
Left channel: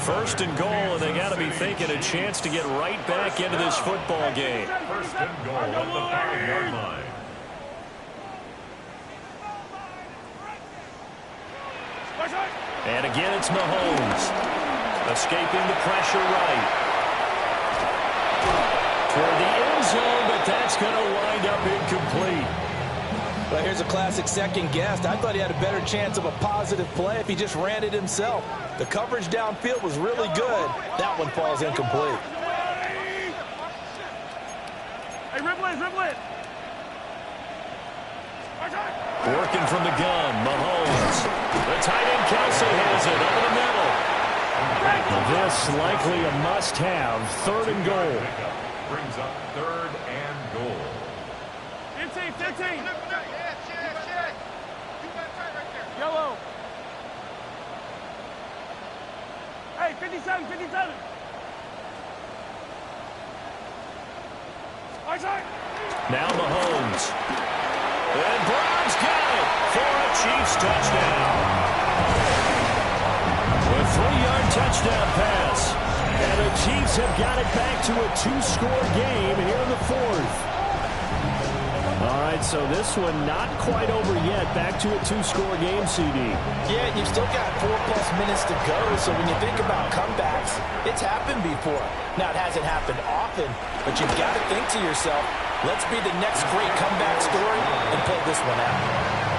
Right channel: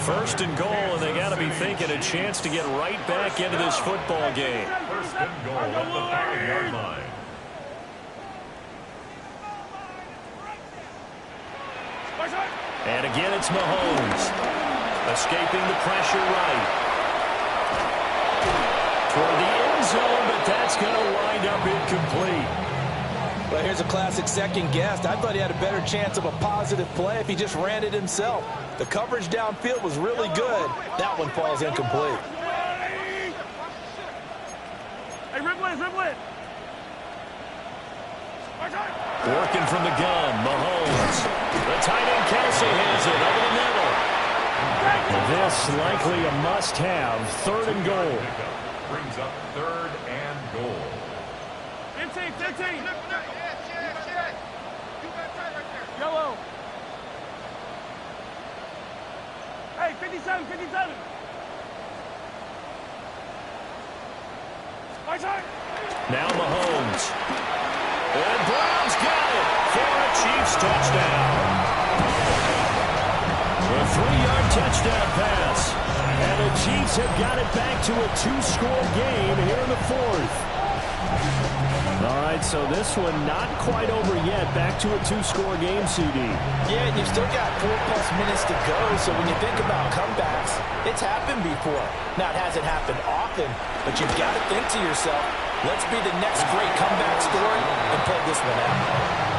1st and goal, and they got to be thinking a chance to get right back into this football game. 1st and goal at the 5-yard line. And again, it's Mahomes. Escaping the pressure right. for the end zone, but that's going to wind up incomplete. Well, here's a classic second guess. I thought he had a better chance of a positive play if he just ran it himself. The coverage downfield was really good. That one falls incomplete. Hey, ribble it. Working from the gun, Mahomes. The tight end, Kelsey, has it over the middle. This likely a must-have, 3rd and goal. Brings up 3rd and goal. 15. Yellow. Hey, 57. Now Mahomes. And Brown's got it for a Chiefs touchdown. A 3-yard touchdown pass. And the Chiefs have got it back to a 2-score game here in the 4th. All right, so this one not quite over yet. Back to a 2-score game, CD. Yeah, and you've still got 4+ minutes to go, so when you think about comebacks, it's happened before. Now, it hasn't happened often, but you've got to think to yourself, let's be the next great comeback story and pull this one out.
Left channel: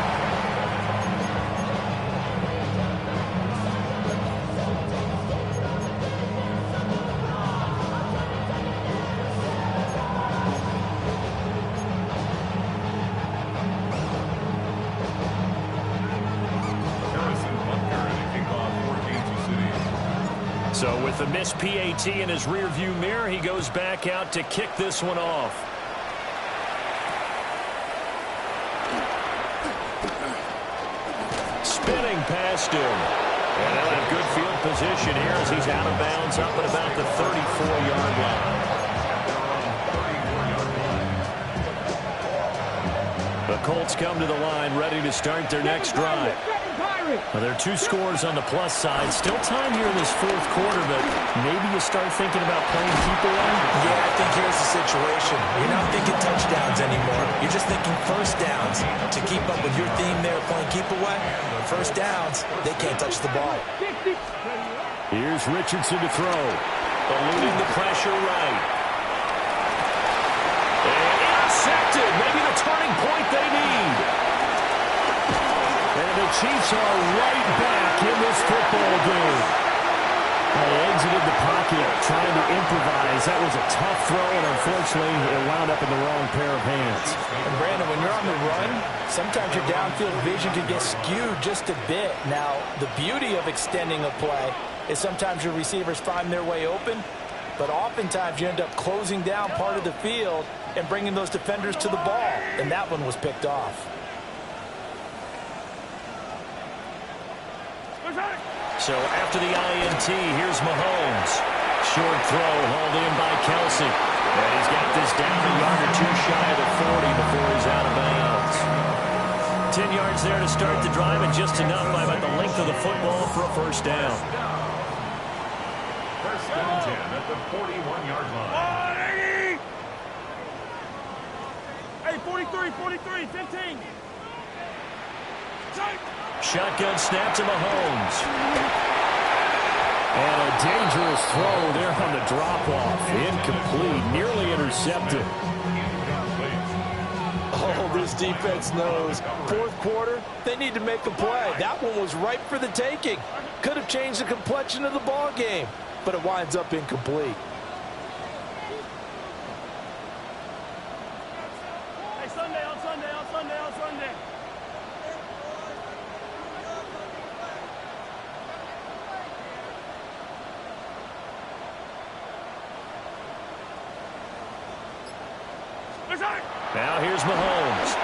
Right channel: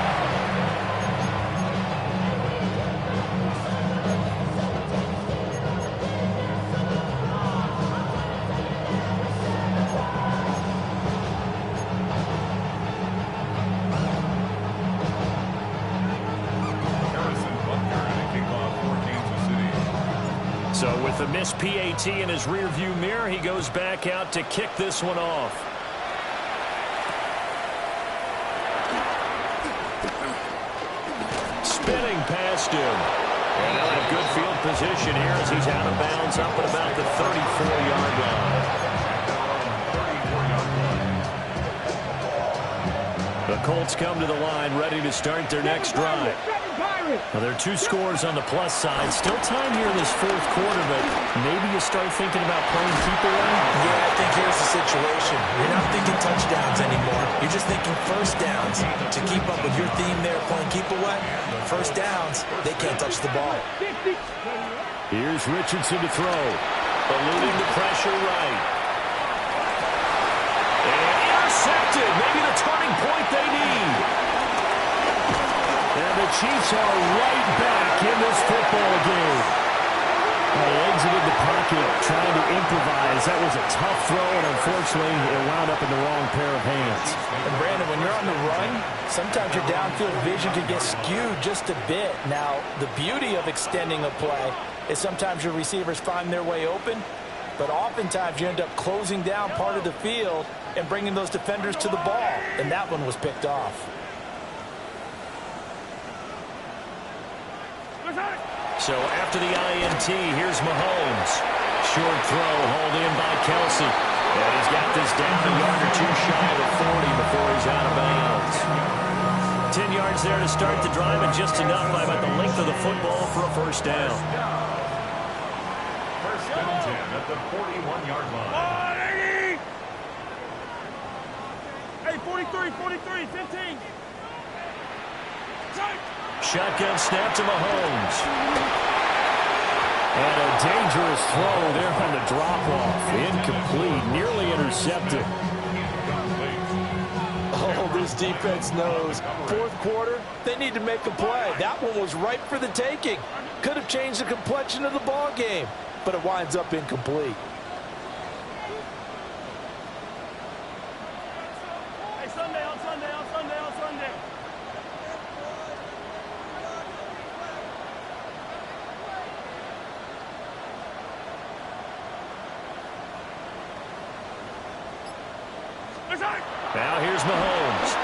So with the missed PAT in his rearview mirror, he goes back out to kick this one off. Spinning past him. And they'll have good field position here as he's out of bounds up at about the 34-yard line. The Colts come to the line ready to start their next drive. Well, there are 2 scores on the plus side. Still time here in this 4th quarter, but maybe you start thinking about playing keep away? Yeah, I think here's the situation. You're not thinking touchdowns anymore. You're just thinking first downs. To keep up with your theme there, playing keep away, first downs, they can't touch the ball. Here's Richardson to throw. Eluding the pressure right. And intercepted. Maybe the turning point they need. And the Chiefs are right back in this football game. They exited the pocket trying to improvise. That was a tough throw, and unfortunately, it wound up in the wrong pair of hands. And, Brandon, when you're on the run, sometimes your downfield vision can get skewed just a bit. Now, the beauty of extending a play is sometimes your receivers find their way open, but oftentimes you end up closing down part of the field and bringing those defenders to the ball, and that one was picked off. So after the INT, here's Mahomes. Short throw hauled in by Kelsey. And he's got this down a yard or 2 shy of the 40 before he's out of bounds. 10 yards there to start the drive, and just enough by about the length of the football for a first down. First and 10 at the 41-yard line. Hey, 43, 15. Shotgun snap to Mahomes. And a dangerous throw there on the drop-off. Incomplete, nearly intercepted. Oh, this defense knows. 4th quarter, they need to make a play. That one was ripe for the taking. Could have changed the complexion of the ball game, but it winds up incomplete. Hey, Sunday. Now here's Mahomes.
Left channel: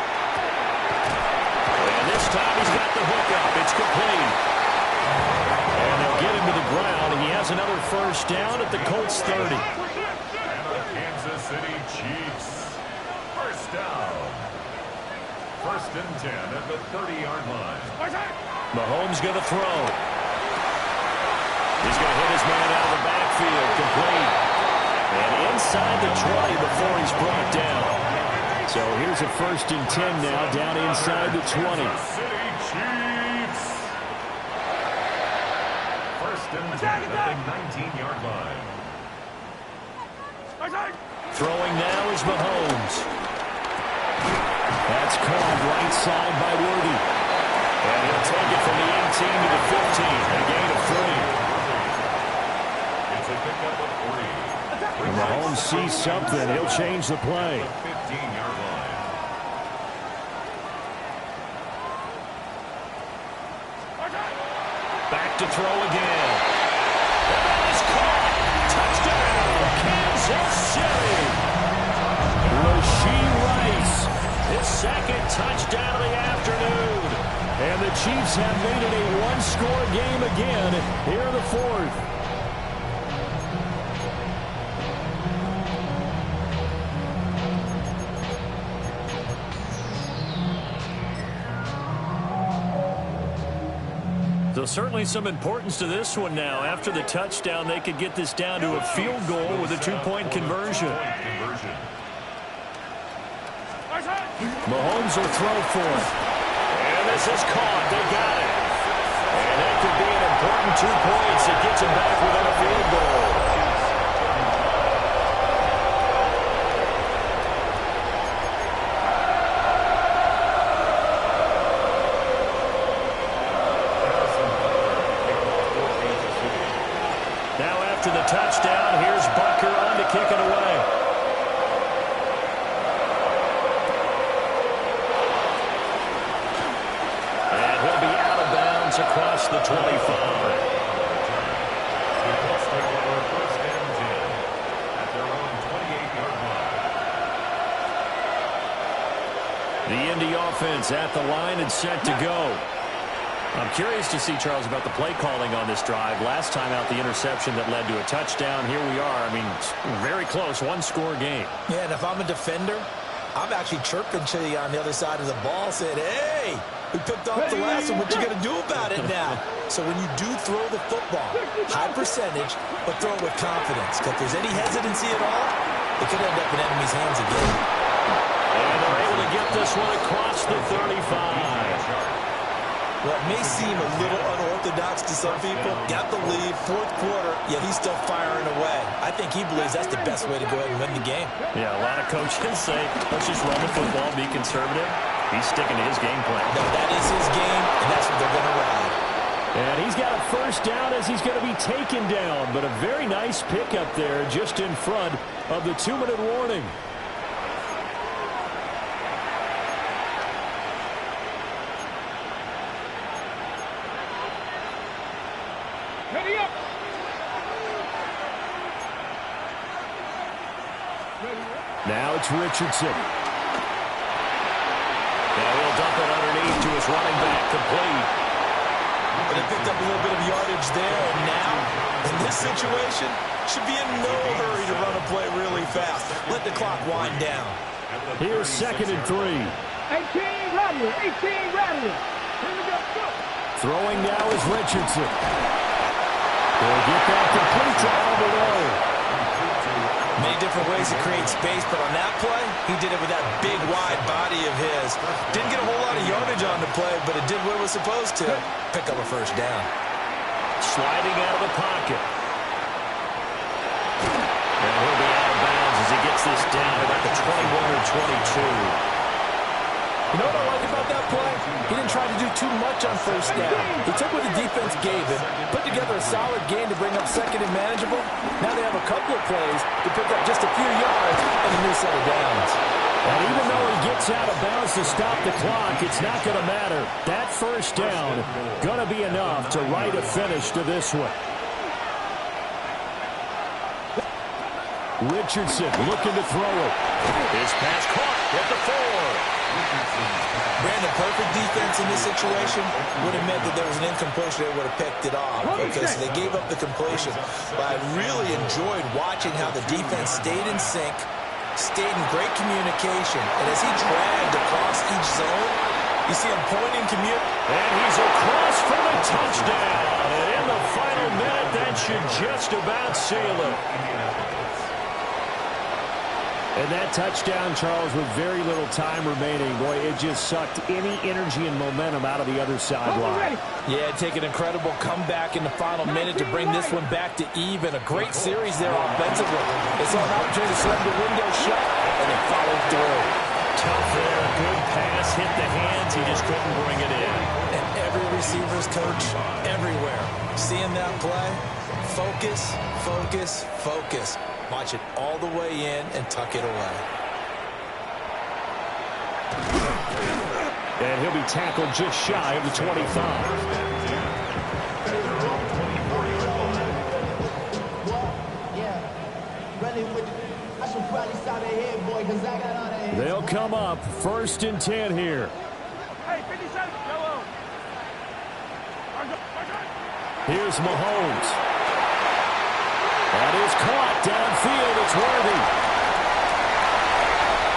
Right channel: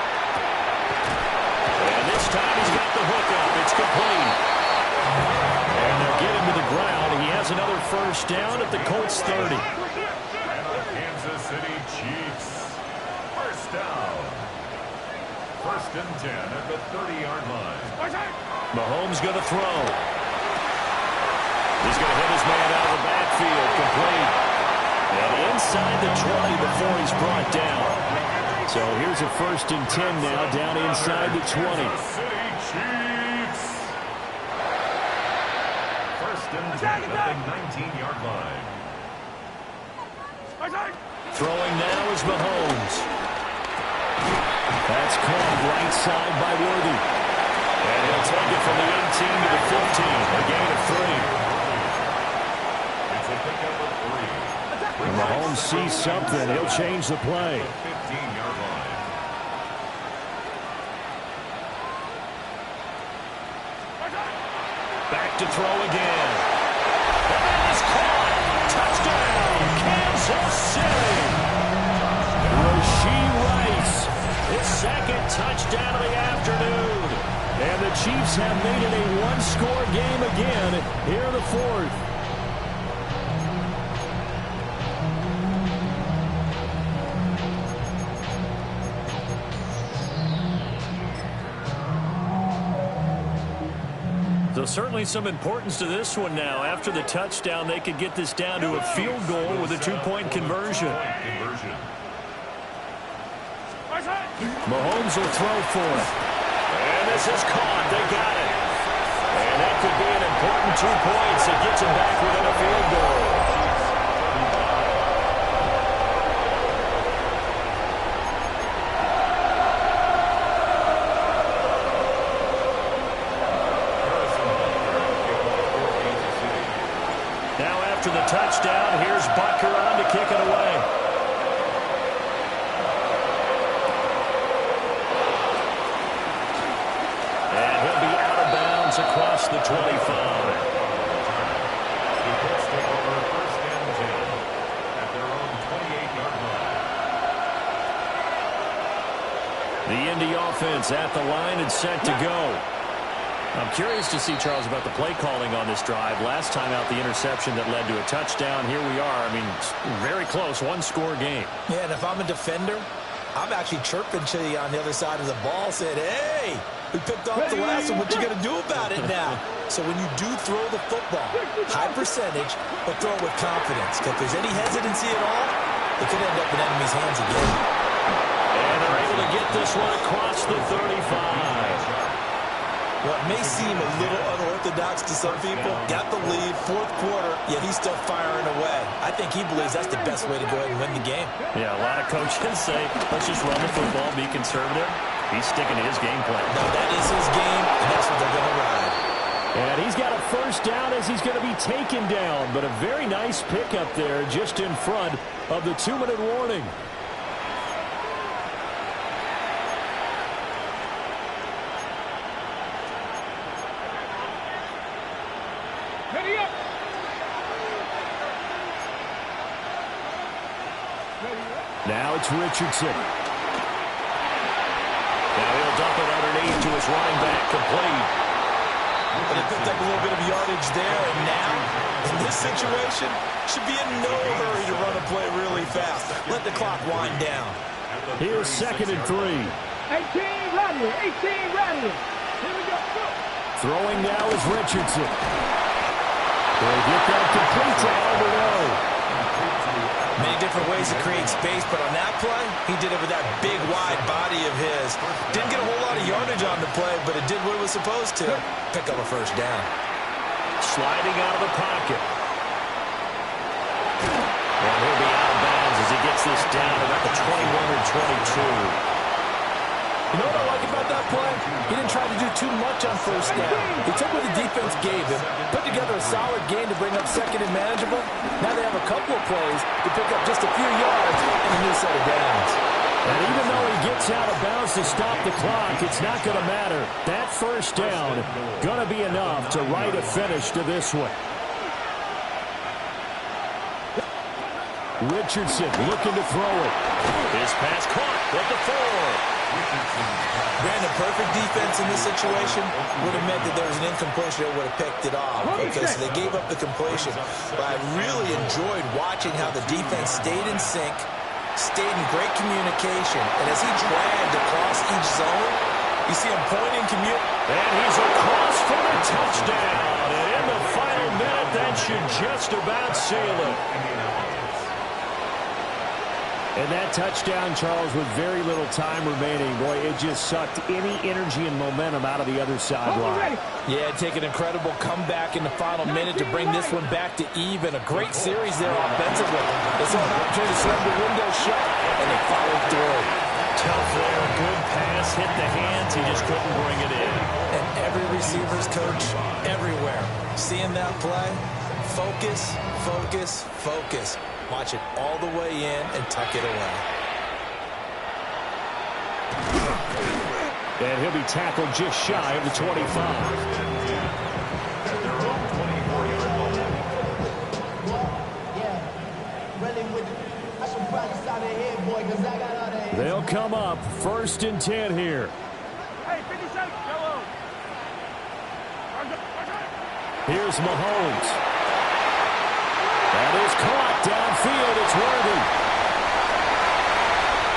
And this time he's got the hook up. It's complete. And they'll get him to the ground. He has another first down at the Colts 30. And the Kansas City Chiefs. First down. First and 10 at the 30-yard line. Mahomes going to throw. He's going to hit his man out of the backfield. Complete. And inside the 20 before he's brought down. So here's a first and 10 now, down inside the 20. City Chiefs. First and 10 at the 19-yard line. Throwing now is Mahomes. That's caught right side by Worthy. And he'll take it from the 18 to the 15. A gain of 3. It's a pickup of 3. When Mahomes sees something, he'll change the play. 15-yard line. Back to throw again. And that is caught. Touchdown, Kansas City. Rashee Rice, his second touchdown of the afternoon. And the Chiefs have made it a one-score game again here in the fourth. So certainly some importance to this one now. After the touchdown, they could get this down to a field goal with a two-point conversion. Mahomes will throw for it. And this is caught. They got it. And that could be an important 2 points. It gets them back within a field goal. Now after the touchdown, here's Butker on to kick it away. And he'll be out of bounds across the 25. The Colts take over first and 10 at their own 28-yard line. The Indy offense at the line and set to go. I'm curious to see, Charles, about the play calling on this drive. Last time out, the interception that led to a touchdown. Here we are. I mean, very close, one-score game. Yeah, and if I'm a defender, I'm actually chirping to you on the other side of the ball, saying, hey, we picked off the last one. What you going to do about it now? So when you do throw the football, high percentage, but throw it with confidence. Because if there's any hesitancy at all, it could end up in enemy's hands again. And they're able to get this one across the 35. Well, it may seem a little unorthodox to some people. Got the lead, fourth quarter, yet he's still firing away. I think he believes that's the best way to go ahead and win the game. Yeah, a lot of coaches say, let's just run the football, be conservative. He's sticking to his game plan. No, that is his game, and that's what they're going to ride. And he's got a first down as he's going to be taken down. But a very nice pickup there just in front of the 2-minute warning. Ready up. Now it's Richardson. Now he'll dump it underneath to his running back, complete. But they picked up a little bit of yardage there, and now, in this situation, should be in no hurry to run a play really fast. Let the clock wind down. Here's 2nd and 3. 18 right here. 18 right here. Here we go. Throwing now is Richardson. They'll get that complete to Alberto. Many different ways to create space, but on that play, he did it with that big, wide body of his. Didn't get a whole lot of yardage on the play, but it did what it was supposed to. Pick up a first down. Sliding out of the pocket. And he'll be out of bounds as he gets this down about the 21 or 22. You know what I like about that play? He didn't try to do too much on first down. He took what the defense gave him, put together a solid game to bring up second and manageable. Now they have a couple of plays to pick up just a few yards and a new set of downs. And even though he gets out of bounds to stop the clock, it's not going to matter. That first down going to be enough to write a finish to this one. Richardson looking to throw it. His pass caught at the 4. Brandon, perfect defense in this situation would have meant that there was an incompletion. They would have picked it off because they gave up the completion. But I really enjoyed watching how the defense stayed in sync, stayed in great communication, and as he dragged across each zone, you see him pointing, and he's across for the touchdown. And in the final minute, that should just about seal it. And that touchdown, Charles, with very little time remaining, boy, it just sucked any energy and momentum out of the other sideline. Yeah, take an incredible comeback in the final minute to bring this one back to even. A great series there offensively. They saw an opportunity to slam the window shut, and they followed through. Tough there, good pass, hit the hands, he just couldn't bring it in. And every receiver's coach everywhere, seeing that play, focus, focus, focus. Watch it all the way in and tuck it away. And he'll be tackled just shy of the 25. They'll come up 1st and 10 here. Hey, 57, yellow. Here's Mahomes. That is caught downfield. It's Worthy.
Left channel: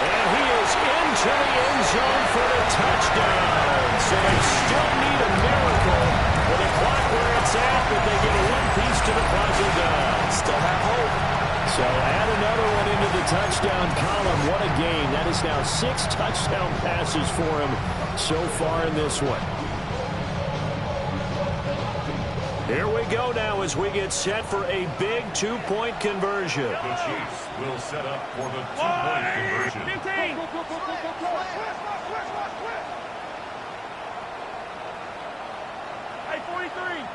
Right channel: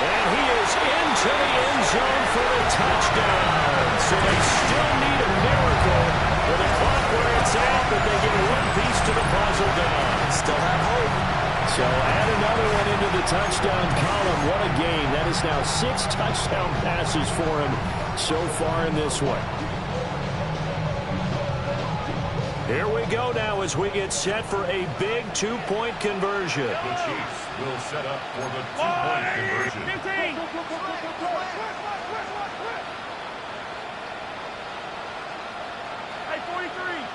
And he is into the end zone for the touchdown. So they still need a miracle with the clock where it's at, but they get one piece to the puzzle done. Still have hope. So add another one into the touchdown column. What a game. That is now 6 touchdown passes for him so far in this one. Here we go now as we get set for a big 2-point conversion. The Chiefs will set up for the 2-point conversion. 15. Hey, 43.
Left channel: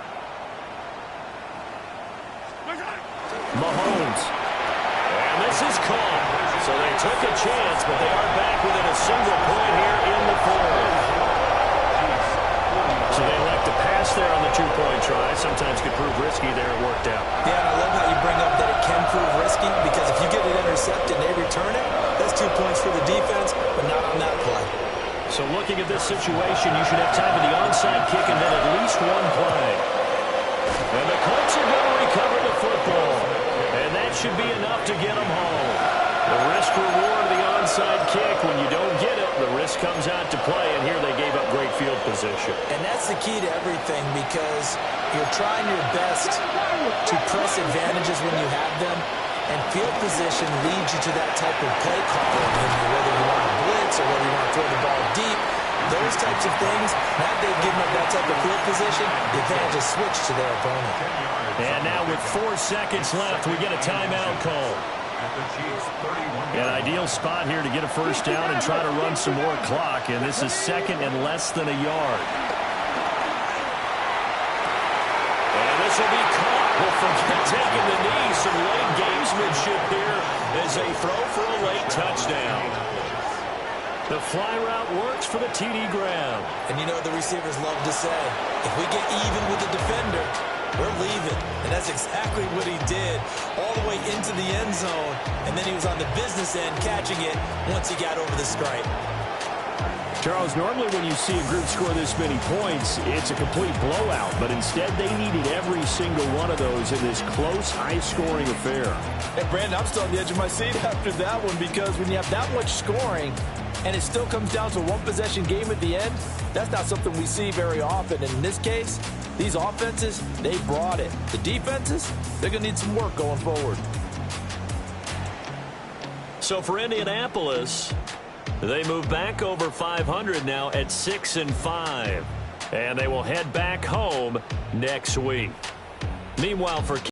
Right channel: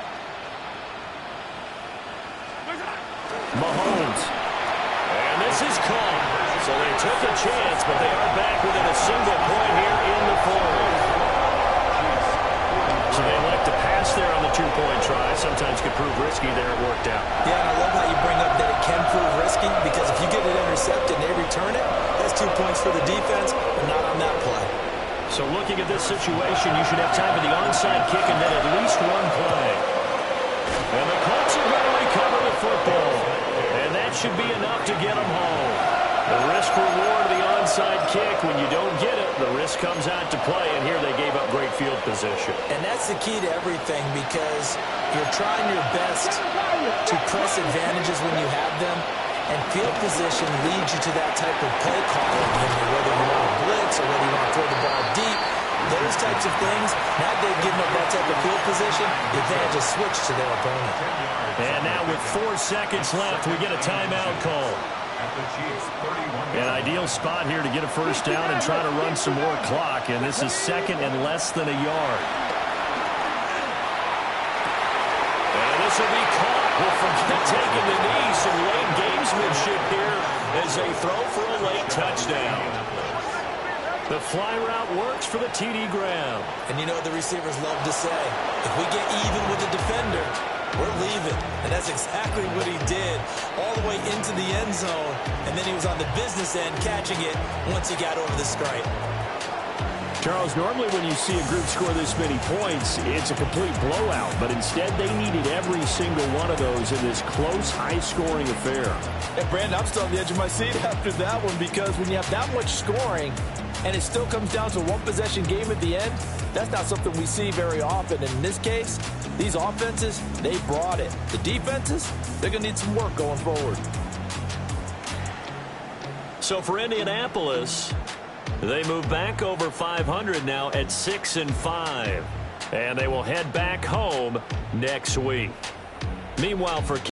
Mahomes. And this is caught. So they took a chance, but they are back within a single point here in the fourth. So they elect to pass there on the 2-point try. Sometimes could prove risky. There it worked out. Yeah, and I love how you bring up that it can prove risky, because if you get it intercepted and they return it, that's 2 points for the defense, but not on that play. So looking at this situation, you should have time for the onside kick and then at least one play. And the Colts are going to recover the football. And that should be enough to get them home. The risk-reward of the onside kick, when you don't get it, the risk comes out to play, and here they gave up great field position. And that's the key to everything, because you're trying your best to press advantages when you have them, and field position leads you to that type of play calling, whether you want to blitz or whether you want to throw the ball deep. Those types of things, now they've given up that type of field position, the advantage is switched to their opponent. And now with 4 seconds left, we get a timeout call. An ideal spot here to get a first down and try to run some more clock, and this is 2nd and less than a yard. And this will be caught. We'll forget taking the knee. Some late gamesmanship here as they throw for a late touchdown. The fly route works for the TD grab. And you know what the receivers love to say? If we get even with the defender, we're leaving. And that's exactly what he did, all the way into the end zone. And then he was on the business end catching it once he got over the stripe. Charles, normally when you see a group score this many points, it's a complete blowout. But instead, they needed every single one of those in this close, high-scoring affair. And Brandon, I'm still on the edge of my seat after that one, because when you have that much scoring and it still comes down to a one-possession game at the end, that's not something we see very often. And in this case, these offenses, they brought it. The defenses, they're going to need some work going forward. So for Indianapolis, they move back over 500 now at 6-5. And they will head back home next week. Meanwhile, for